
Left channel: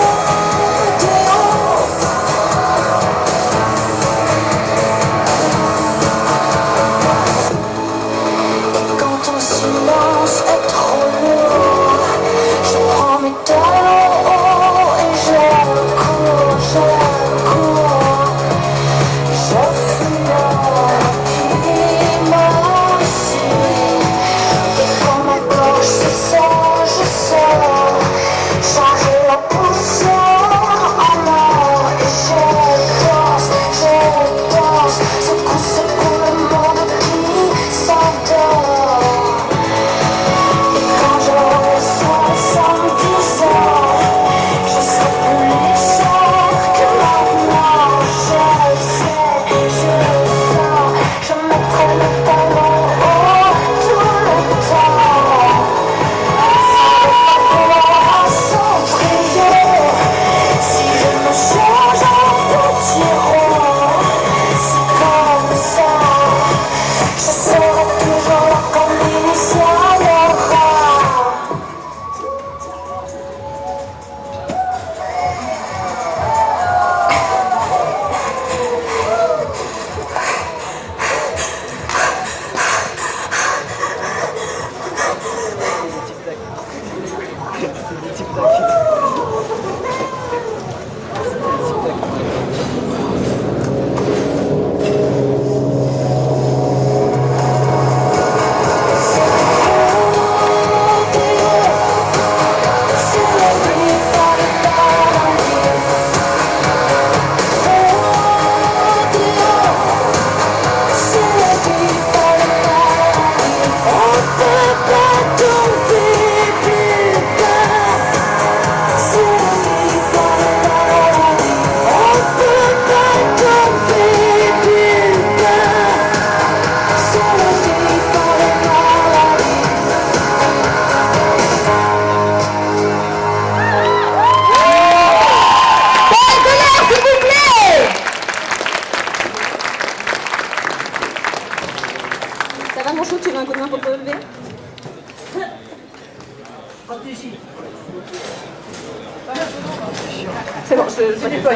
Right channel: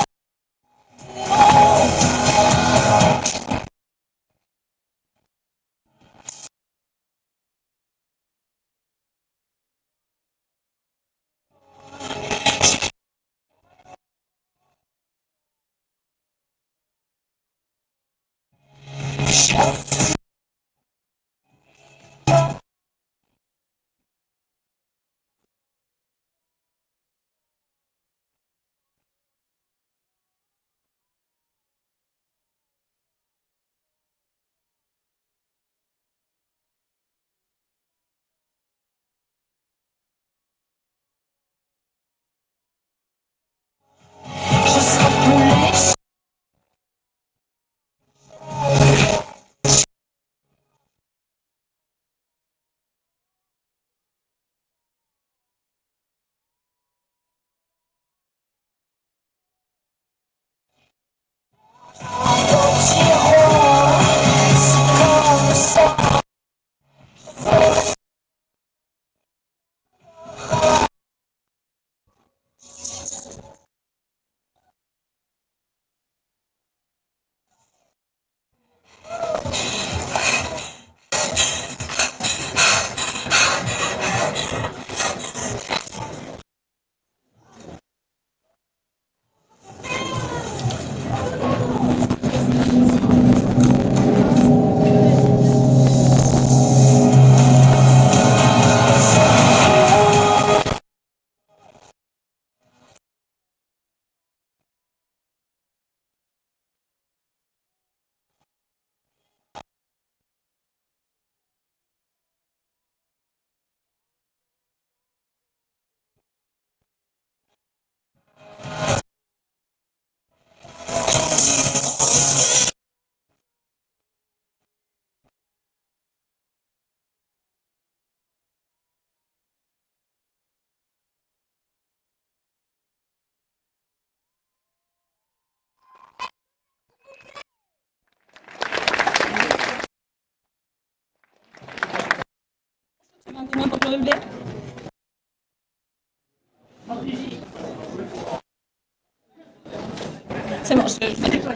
C'est bon, je déploie.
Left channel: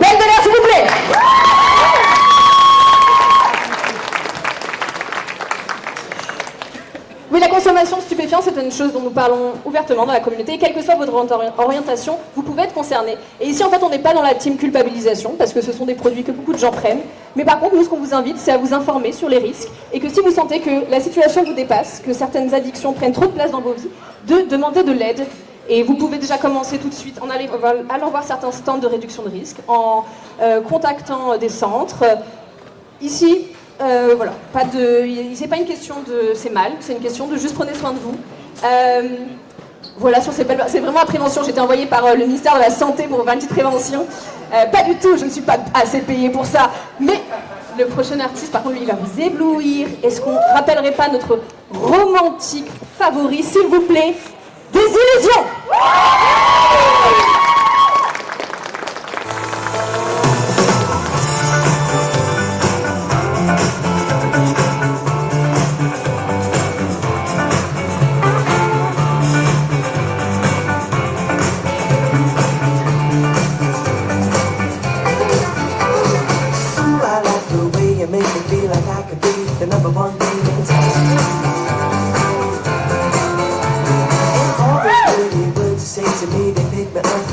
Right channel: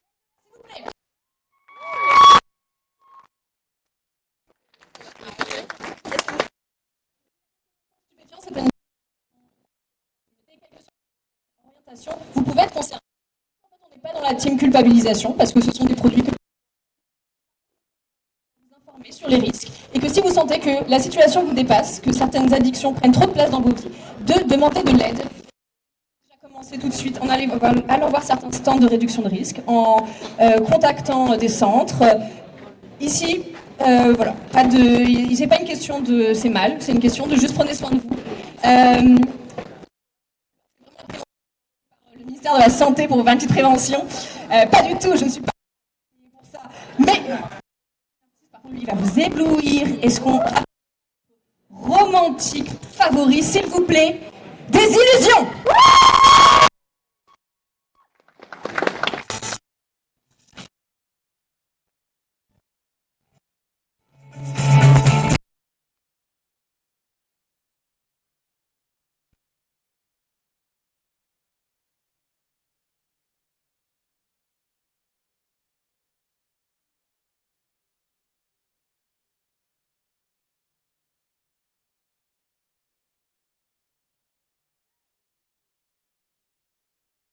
Belle de l'air, s'il vous plaît. Oui, la consommation de stupéfiants, c'est une chose dont nous parlons ouvertement dans la communauté. Quelle que soit votre orientation, vous pouvez être concerné. Et ici, en fait, on n'est pas dans la team culpabilisation, parce que ce sont des produits que beaucoup de gens prennent. Mais par contre, nous, ce qu'on vous invite, c'est à vous informer sur les risques. Et que si vous sentez que la situation vous dépasse, que certaines addictions prennent trop de place dans vos vies, de demander de l'aide. Et vous pouvez déjà commencer tout de suite en allant voir certains stands de réduction de risque, en contactant des centres. Ici, voilà, c'est pas une question de c'est mal, c'est une question de juste prenez soin de vous. Voilà, sur ces belles, c'est vraiment la prévention. J'ai été envoyée par le ministère de la Santé pour faire une petite prévention. Pas du tout, je ne suis pas assez payée pour ça. Mais le prochain artiste, par contre, lui, il va vous éblouir. Est-ce qu'on ne rappellerait pas notre romantique favori, s'il vous plaît, Des Illusions?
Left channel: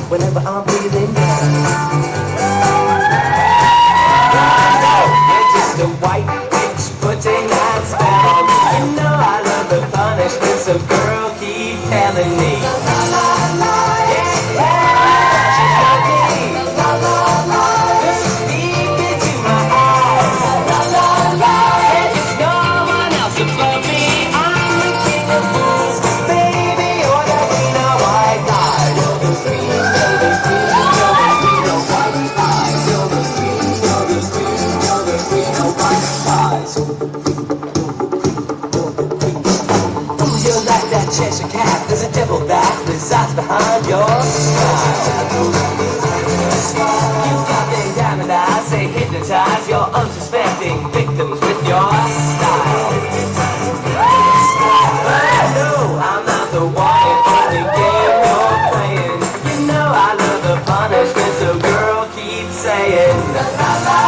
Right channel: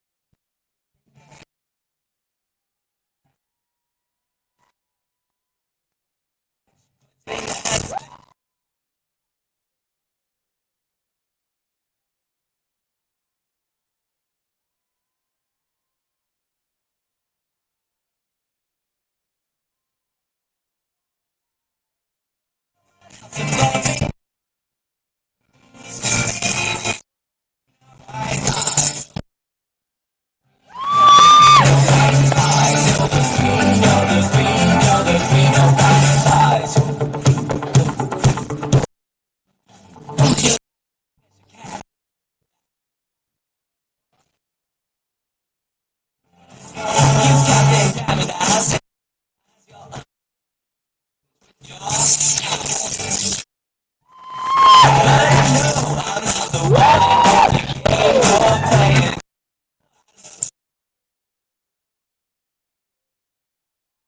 Whenever I'm feeling down, you're just a white bitch putting out spell. You know I love the punishment, so girl, keep telling me. Cheshire cat, there's a devil that resides behind your smile. You got them diamond eyes, say hypnotize your unsuspecting victims with your style. But I know I'm not the one in every game you're playing. You know I love the punishment, so girl, keep saying la la la.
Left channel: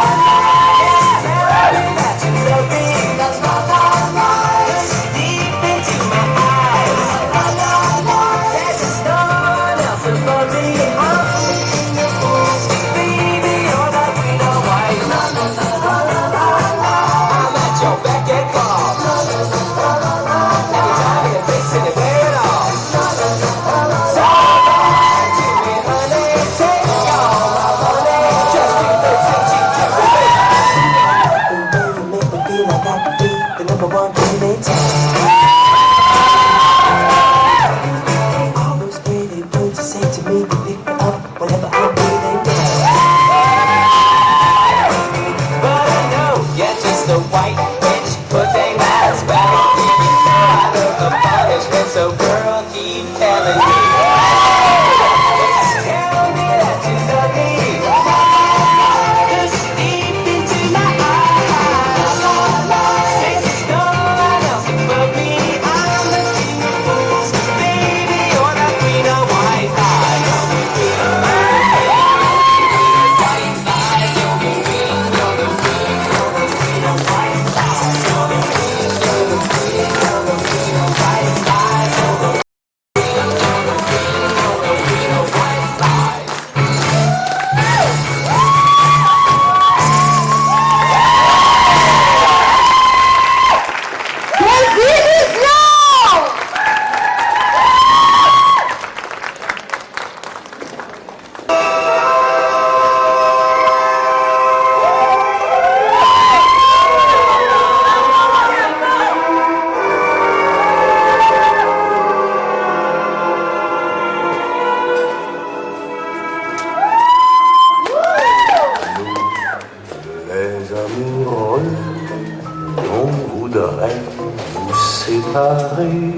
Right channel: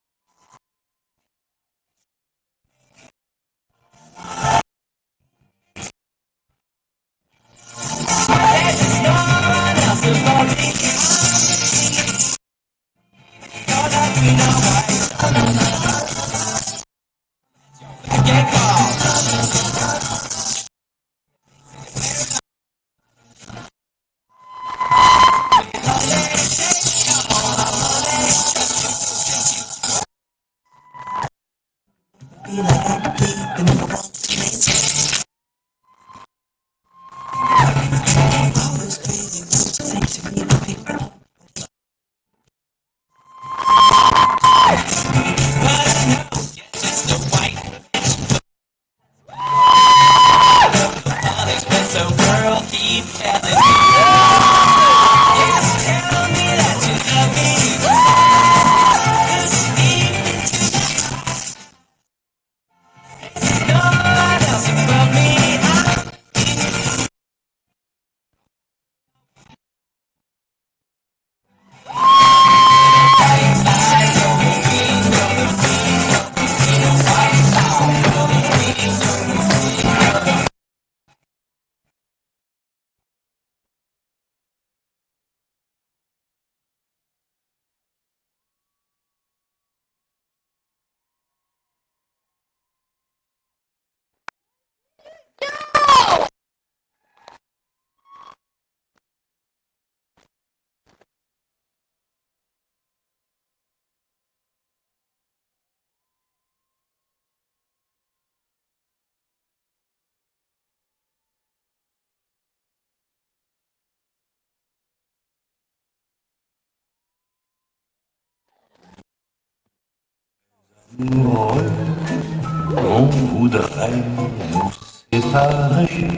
On voudrait nous séparer,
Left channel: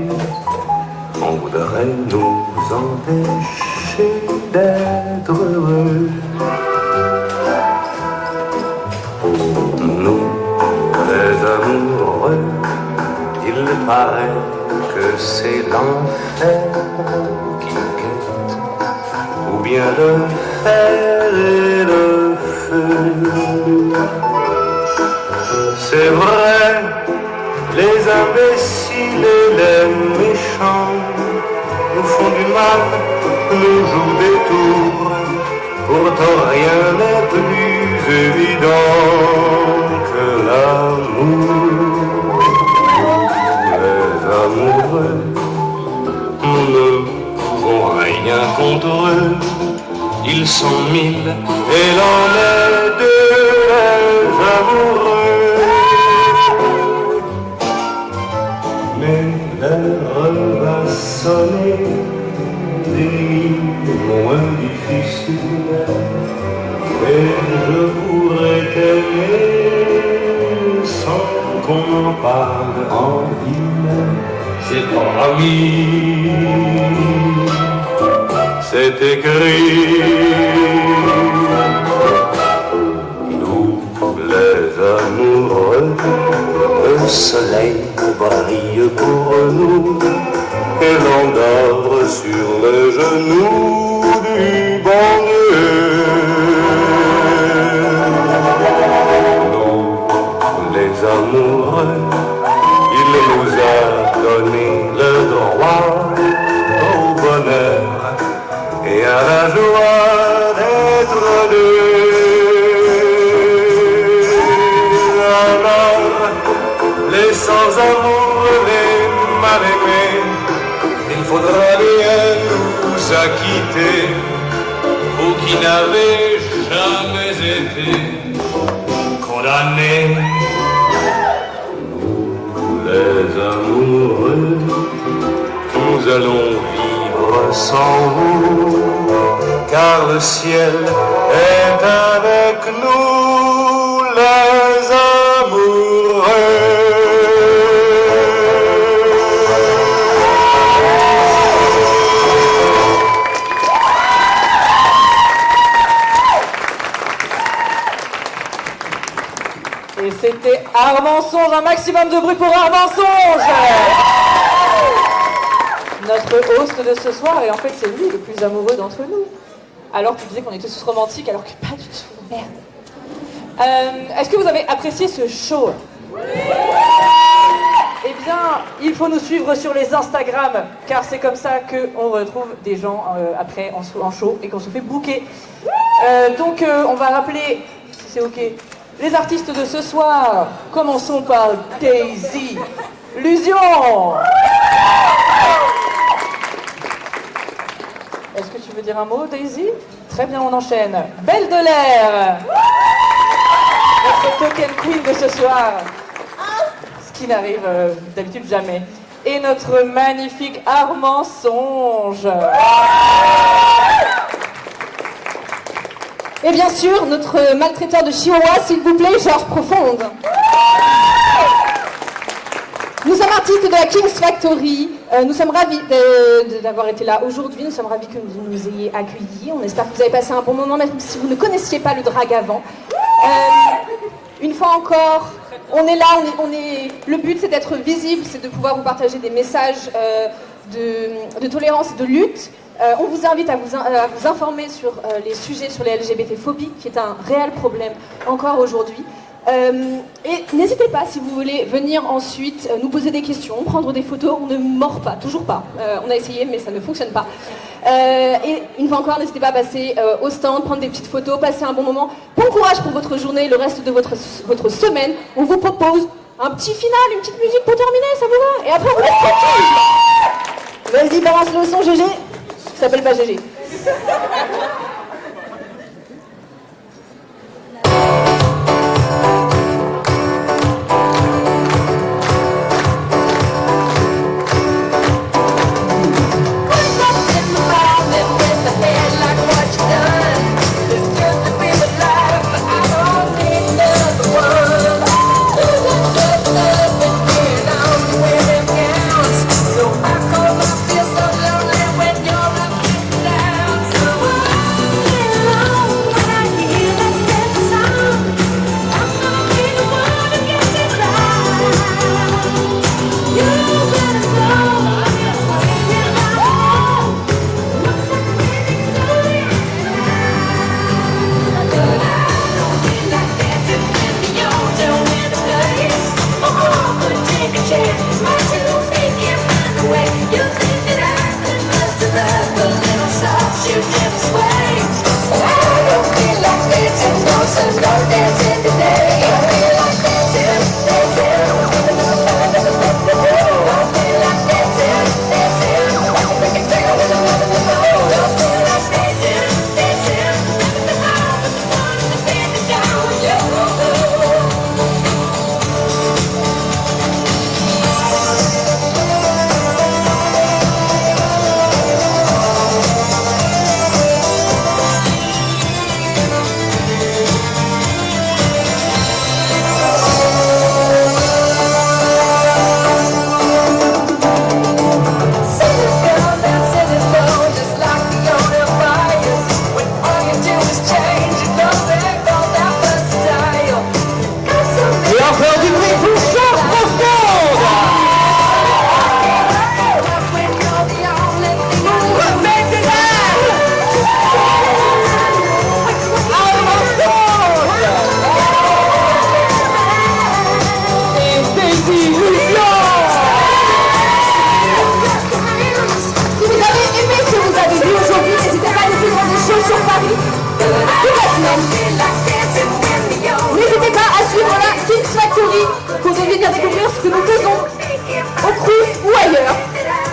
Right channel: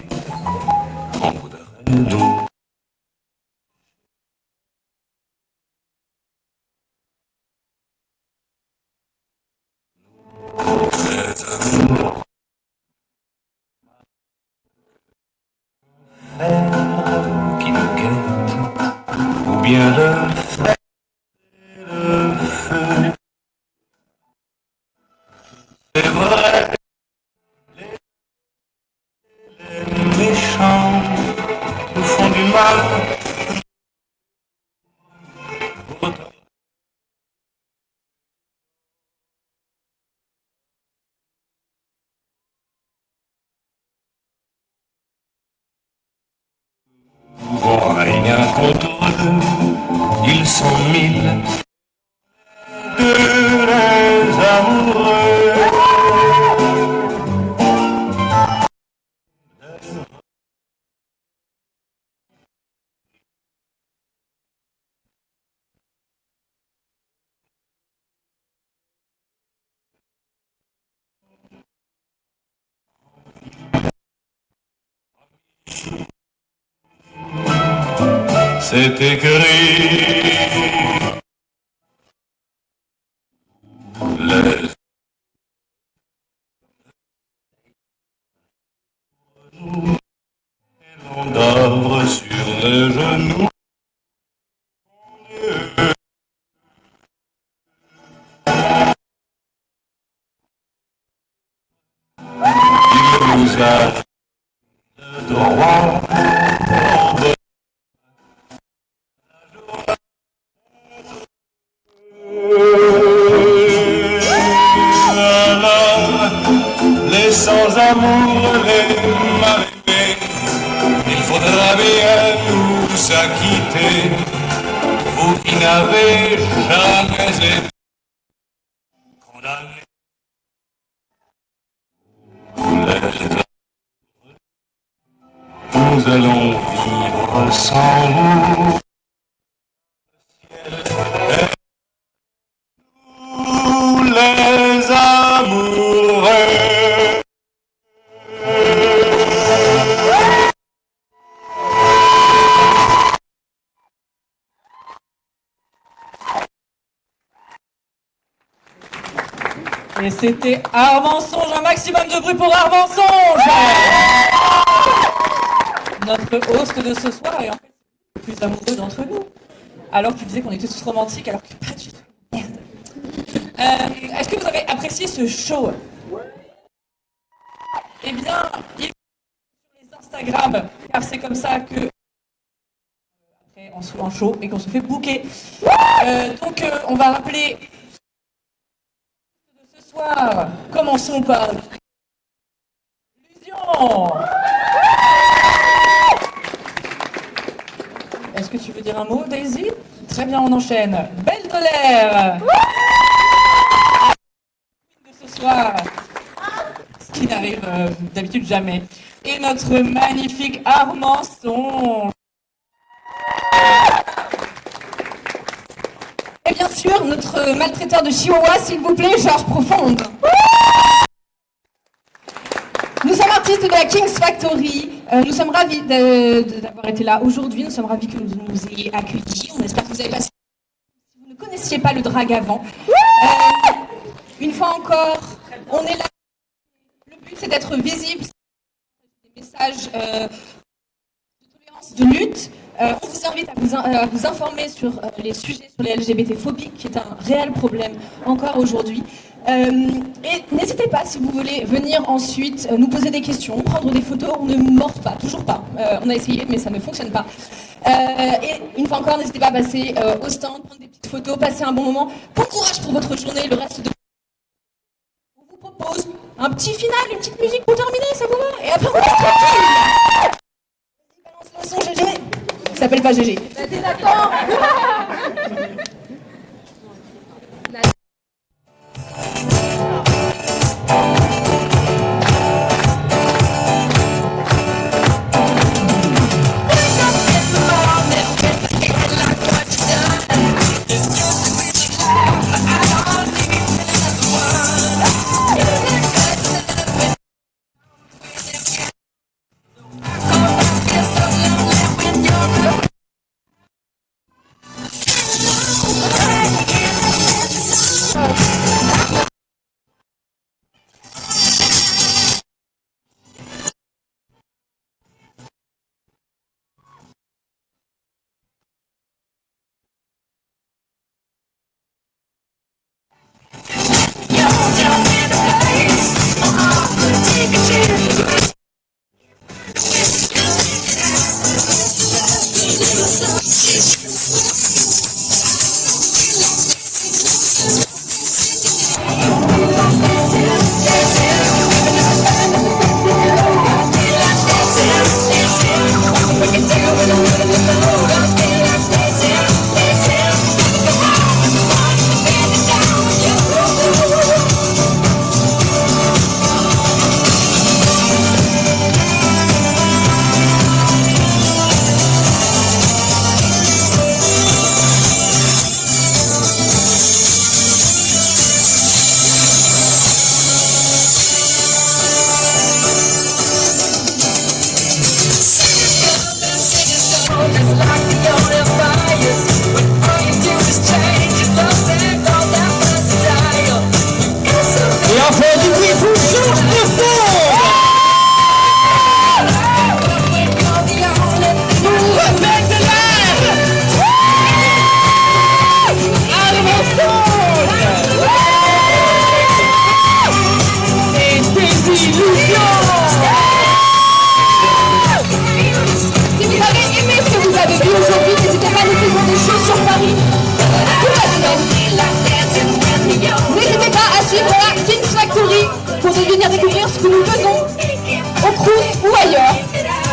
on voudrait nous empêcher d'être heureux. Nous, les amoureux, il paraît que c'est l'enfer qui nous guette. bien le fer et le feu. C'est vrai, les imbéciles et les méchants nous font du mal, nous jouent des tours. Pourtant rien n'est plus évident que l'amour. Les amoureux, nous ne pouvons rien contre eux. Ils sont mille et l'on est deux, les amoureux. Mais l'heure va sonner, des nuits moins difficiles, et je pourrais t'aimer sans qu'on en parle en ville. C'est promis, c'est écrit. Nous, les amoureux, le soleil brille pour nous et l'on dort sur le genou du bon Dieu. Nous, les amoureux, il nous a donné le droit au bonheur et à la joie d'être deux. Alors, les sans-amour, les mal-aimés, il faudra bien nous acquitter, vous qui n'avez jamais été condamnés. Les amoureux, nous allons vivre sans vous, car le ciel est avec nous, les amoureux. Et c'était Armançonge, un maximum de bruit pour Armançonge. Notre host de ce soir, et en fait c'est lui le plus amoureux d'entre nous. Alors tu disais qu'on était tous romantiques, alors que pas du tout. Merde. Est-ce que vous avez apprécié ce show? Eh bien, il faut nous suivre sur les Instagram, car c'est comme ça qu'on retrouve des gens après en show et qu'on se fait booker. Donc on va rappeler, si c'est ok, les artistes de ce soir. Commençons par Daisy Lusion. Est-ce que tu veux dire un mot, Daisy? Très bien, on enchaîne. Belle de l'air, notre token queen de ce soir, ce qui n'arrive d'habitude jamais. Et notre magnifique Armançonge. Et bien sûr, notre maltraiteur de Chihuahua, s'il vous plaît, Georges Profonde. Nous sommes artistes de la King's Factory. Nous sommes ravis d'avoir été là aujourd'hui. Nous sommes ravis que vous nous ayez accueillis. On espère que vous avez passé un bon moment, même si vous ne connaissiez pas le drag avant. Une fois encore, on est là. Le but, c'est d'être visible, c'est de pouvoir vous partager des messages de tolérance, de lutte. On vous invite à vous informer sur les sujets sur les LGBT-phobies, qui est un réel problème encore aujourd'hui. Et n'hésitez pas, si vous voulez venir ensuite nous poser des questions, prendre des photos. On ne mord pas, toujours pas. On a essayé, mais ça ne fonctionne pas. Et une fois encore, n'hésitez pas à passer au stand, prendre des petites photos, passer un bon moment. Bon courage pour votre journée, le reste de votre semaine. On vous propose un petit final, une petite musique pour terminer, ça vous va? Et après, on reste tranquille. Vas-y, balance le son, GG. Il s'appelle pas GG. Vas-y, d'accord.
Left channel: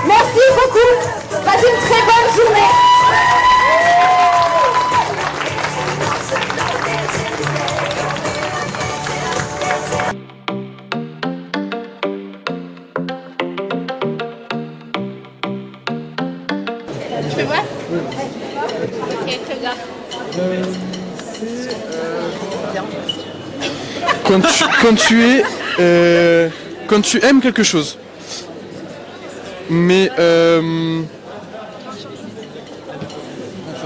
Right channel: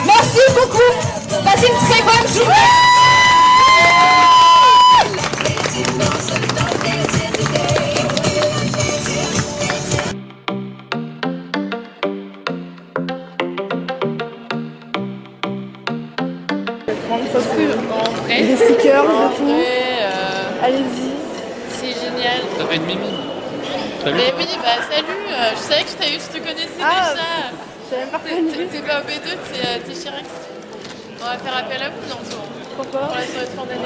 Merci beaucoup. Passez une très bonne journée. Des stickers, allez-y, c'est génial. Quand tu aimes quelque chose, mais On va faire appel à vous, non? Pourquoi?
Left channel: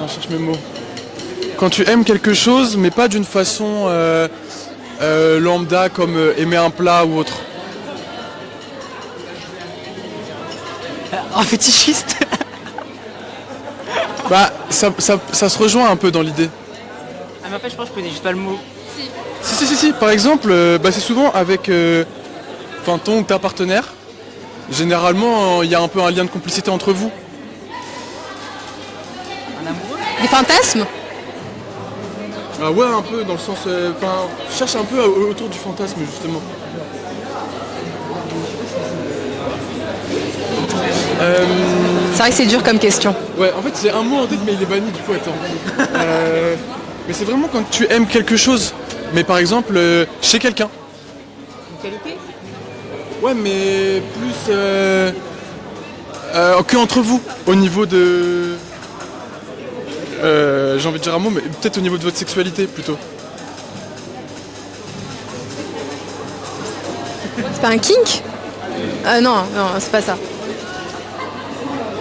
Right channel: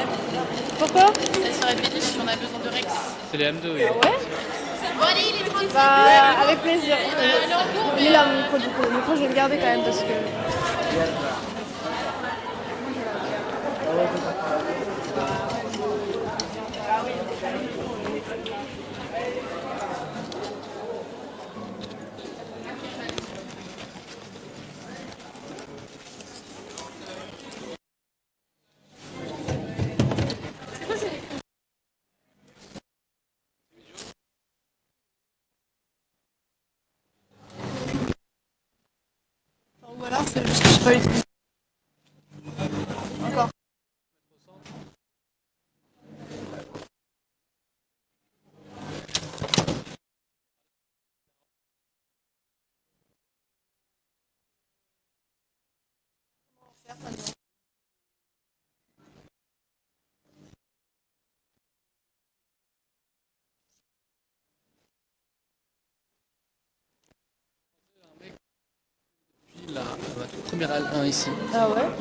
je cherche mes mots. Pourquoi? Quand tu aimes quelque chose, mais pas d'une façon lambda comme aimer un plat ou autre. Il est là, mon micro, du coup. Le micro, je vais le garder quand même parce que... Un fétichiste. Bah, ça se rejoint un peu dans l'idée. Mais en fait, je pense que je connais juste pas le mot. Si. Par exemple, c'est souvent avec ton ou ta partenaire. Généralement, il y a un peu un lien de complicité entre vous. Des fantasmes? Ah ouais, un peu dans le sens... je cherche un peu autour du fantasme, justement. C'est vrai que c'est dur comme question. Ouais, en fait, c'est un mot en tête, mais il est banni, du coup, attends. Mais c'est vraiment quand tu aimes quelque chose. Mais par exemple, chez quelqu'un. Une qualité? Ouais, mais plus que entre vous, au niveau de... j'ai envie de dire un mot, mais peut-être au niveau de votre sexualité, plutôt. C'est pas un kink? Non, c'est pas ça.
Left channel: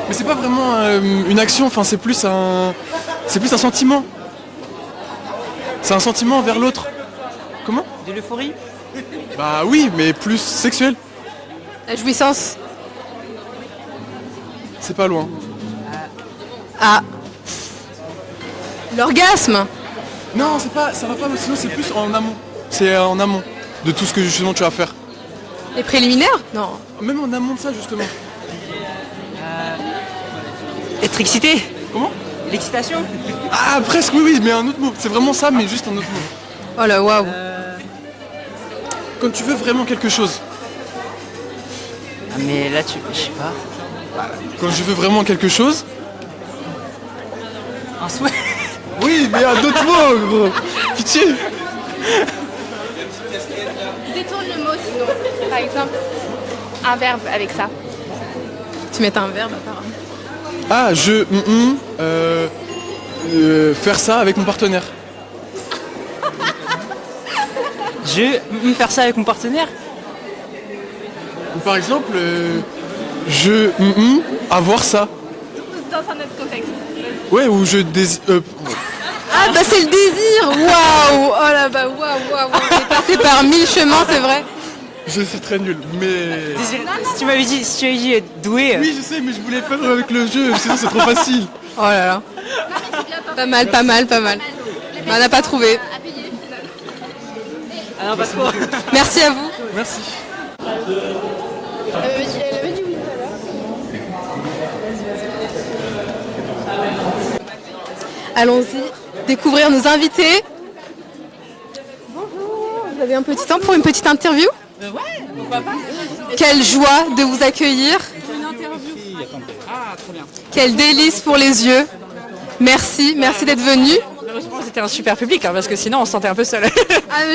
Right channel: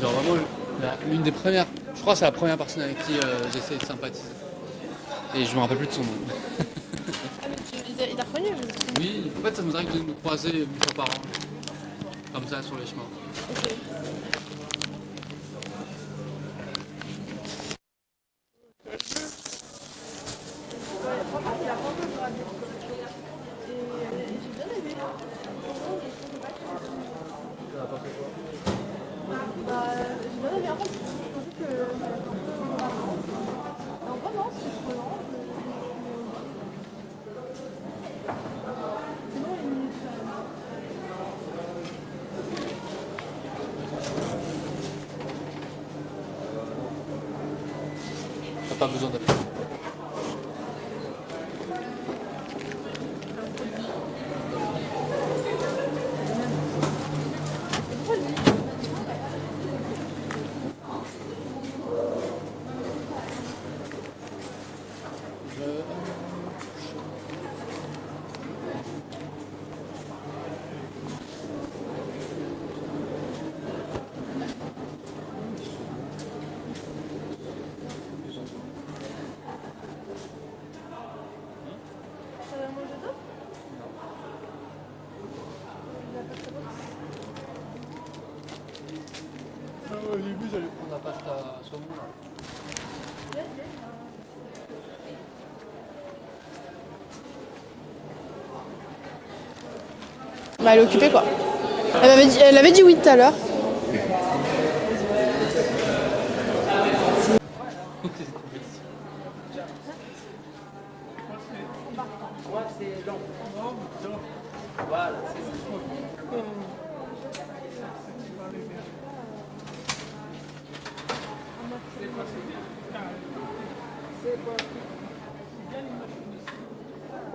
Mais c'est pas vraiment une action, enfin c'est plus un sentiment. C'est un sentiment envers l'autre. Comment? De l'euphorie? Bah oui, mais plus sexuel. La jouissance. C'est pas loin. Ah. L'orgasme. Non, c'est pas, ça va pas, sinon c'est plus en amont. C'est en amont de tout ce que justement tu vas faire. Les préliminaires? Non. Même en amont de ça justement. Être excité? Comment? L'excitation? Ah presque, oui, mais un autre mot. C'est vraiment ça, mais juste un autre mot. Oh là, waouh. Quand tu veux vraiment quelque chose. Ah, mais là, je sais pas. Quand je veux vraiment quelque chose. Un souhait? Oui, mais un autre mot, gros. Pitié. Détourne le mot sinon. Par exemple, un verbe avec ça. Tu mets un verbe apparemment. Ah, faire ça avec mon partenaire. Faire ça avec mon partenaire? Ou par exemple, avoir ça. Dans un autre contexte. Ouais, ou je désire... Ah bah c'est le désir. Waouh. Oh là bah waouh. J'ai passé par 1000 chemins, c'est vrai. Je suis très nul, mais... Désolé, si tu m'avais dit être doué... Oui, je sais, mais je voulais faire avec le jeu, sinon c'est trop facile. Oh là là. Pas mal. Mais on n'a pas trouvé. Ah non, pas trop. Merci à vous. Merci. Bah elle est occupée quoi. Elle avait dit oui tout à l'heure. allons-y découvrir nos invités. Vous avez un petit temps pour une petite interview? Quelle joie de vous accueillir. Quel délice pour les yeux. Merci d'être venu. C'était un super public, parce que sinon on se sentait un peu seul.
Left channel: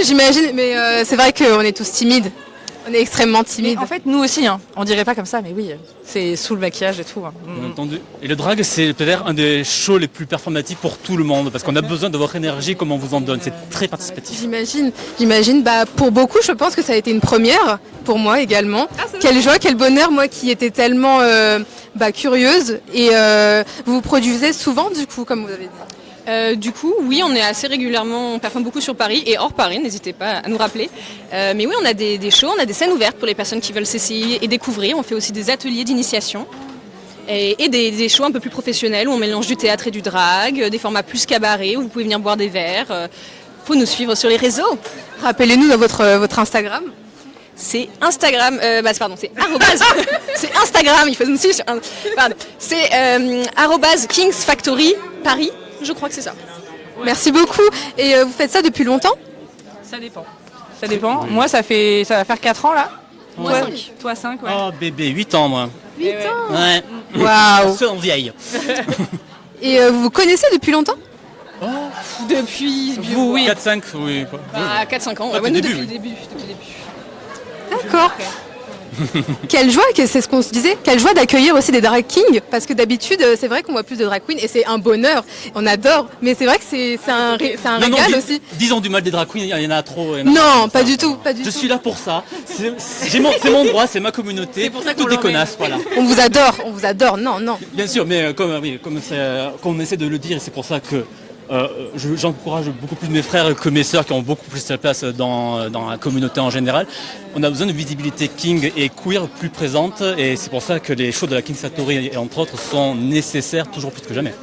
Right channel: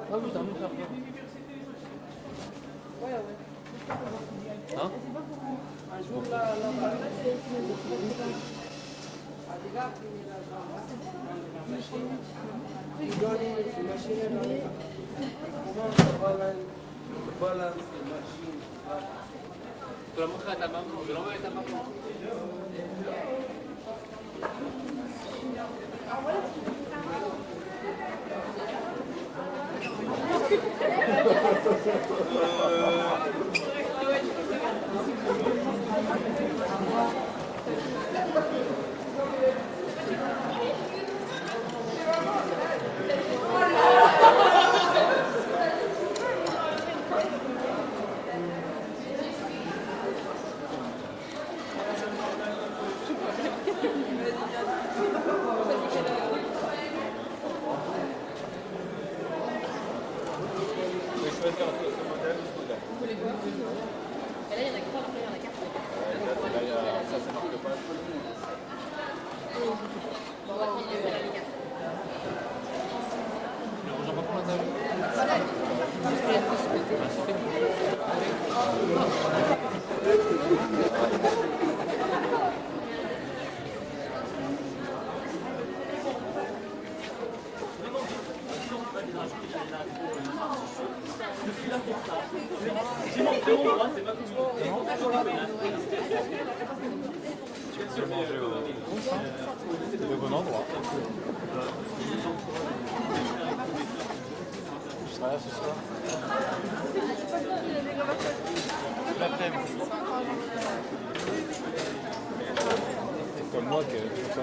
J'imagine, mais c'est vrai qu'on est tous timides. On est extrêmement timides. En fait, nous aussi, on dirait pas comme ça, mais oui, c'est sous le maquillage et tout. Entendu. Et le drag, c'est peut-être un des shows les plus performatifs pour tout le monde, parce qu'on a besoin de votre énergie comme on vous en donne. C'est très participatif. J'imagine. Pour beaucoup, je pense que ça a été une première, pour moi également. Quelle joie, quel bonheur, moi qui étais tellement curieuse. Et vous produisez souvent, du coup, comme vous avez dit? Du coup, oui, on est assez régulièrement, on performe beaucoup sur Paris et hors Paris, n'hésitez pas à nous rappeler. Mais oui, on a des shows, on a des scènes ouvertes pour les personnes qui veulent s'essayer et découvrir. On fait aussi des ateliers d'initiation et des shows un peu plus professionnels où on mélange du théâtre et du drag, des formats plus cabaret où vous pouvez venir boire des verres. Il faut nous suivre sur les réseaux. Rappelez-nous dans votre Instagram. C'est Instagram, c'est arrobase, c'est Instagram, il faut nous suivre sur, pardon, c'est @Kings Factory Paris. Je crois que c'est ça. Merci beaucoup. Et vous faites ça depuis longtemps? Ça dépend. Moi, ça va faire 4 ans là. Moi 5. Toi 5, ouais. Oh bébé, 8 ans moi. 8 ans. Ouais. Waouh. C'est en vieille. Et vous vous connaissez depuis longtemps? Depuis... Vous, oui. 4-5, oui. 4-5 ans. Depuis le début. Depuis le début. D'accord. Quelle joie, c'est ce qu'on se disait, quelle joie d'accueillir aussi des drag kings, parce que d'habitude c'est vrai qu'on voit plus de drag queens et c'est un bonheur, on adore, mais c'est vrai que c'est un régal aussi. Disons du mal des drag queens, il y en a trop. Non, pas du tout. Je suis là pour ça, c'est mon droit, c'est ma communauté, toutes des connasses, voilà. On vous adore, non. Bien sûr, mais comme on essaie de le dire, c'est pour ça que j'encourage beaucoup plus mes frères que mes sœurs qui ont beaucoup plus de place dans la communauté en général. On a besoin de visibilité king et queer plus présente et c'est pour ça que les shows de la Kings Factory et entre autres sont nécessaires toujours plus que jamais.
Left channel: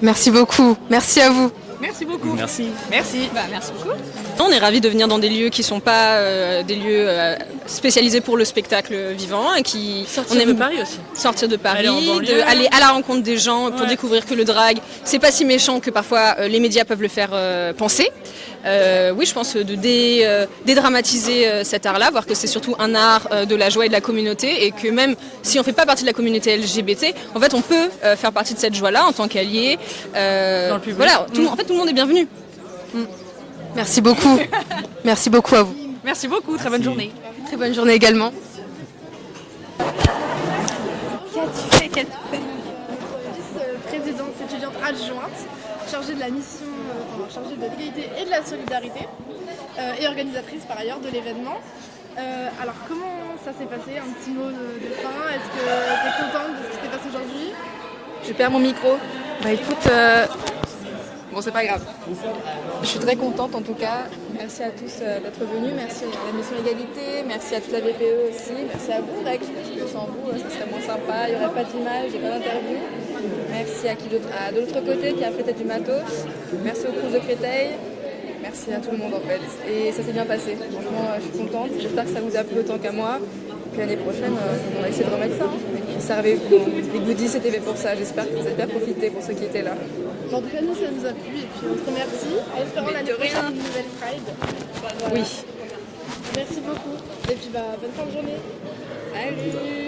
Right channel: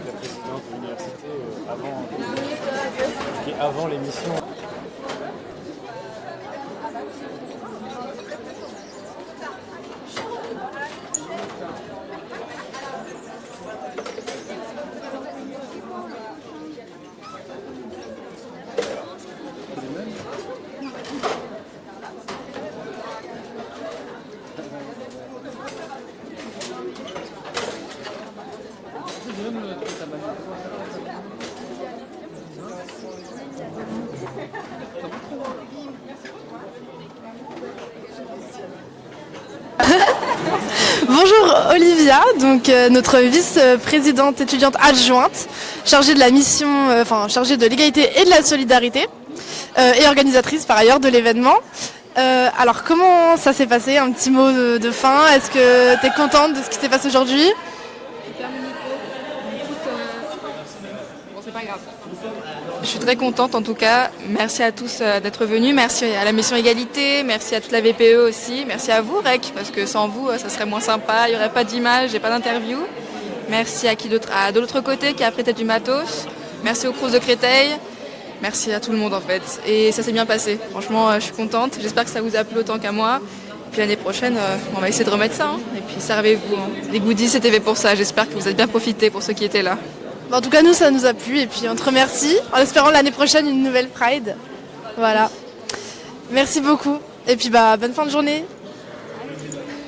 Merci beaucoup, merci à vous. Merci beaucoup. Merci. Merci beaucoup. On est ravis de venir dans des lieux qui ne sont pas des lieux spécialisés pour le spectacle vivant et qui Sortir de Paris aussi. Sortir de Paris, Aller en banlieue. aller à la rencontre des gens pour découvrir que le drag, c'est pas si méchant que parfois les médias peuvent le faire penser. Oui, je pense de dédramatiser cet art-là, voir que c'est surtout un art de la joie et de la communauté et que même si on ne fait pas partie de la communauté LGBT, en fait on peut faire partie de cette joie-là en tant qu'allié. Voilà, en fait tout le monde est bienvenu. Merci beaucoup. Merci beaucoup à vous. Merci beaucoup, très bonne journée. Très bonne journée également. Bonjour Olivia, donc notre vice-présidente étudiante adjointe, chargée de la mission, chargée de l'égalité et de la solidarité, et organisatrice par ailleurs de l'événement. Alors comment ça s'est passé? Un petit mot de fin, est-ce que tu es contente de ce qui s'est passé aujourd'hui? Je perds mon micro. Bah écoute, bon c'est pas grave. Je suis très contente en tout cas. Merci à tous d'être venus. Merci à la mission égalité. Merci à toute la VPE aussi. Merci à vous Rec, parce que sans vous ça serait moins sympa. Il n'y aurait pas d'image et pas d'interview. Merci à qui d'autre? De l'autre côté qui a prêté du matos. Merci au Crous de Créteil. Merci à tout le monde en fait. Et ça s'est bien passé. Franchement, je suis contente. J'espère que ça vous a plu autant qu'à moi. Et puis l'année prochaine, on va essayer de remettre ça. Et puis servez-vous. Les goodies, c'était fait pour ça. J'espère que vous avez bien profité pour ceux qui étaient là. En tout cas, nous, ça nous a plu et puis on te remercie en espérant l'année prochaine une nouvelle Pride. Voilà. Merci beaucoup. Et puis, bonne fin de journée. Salut.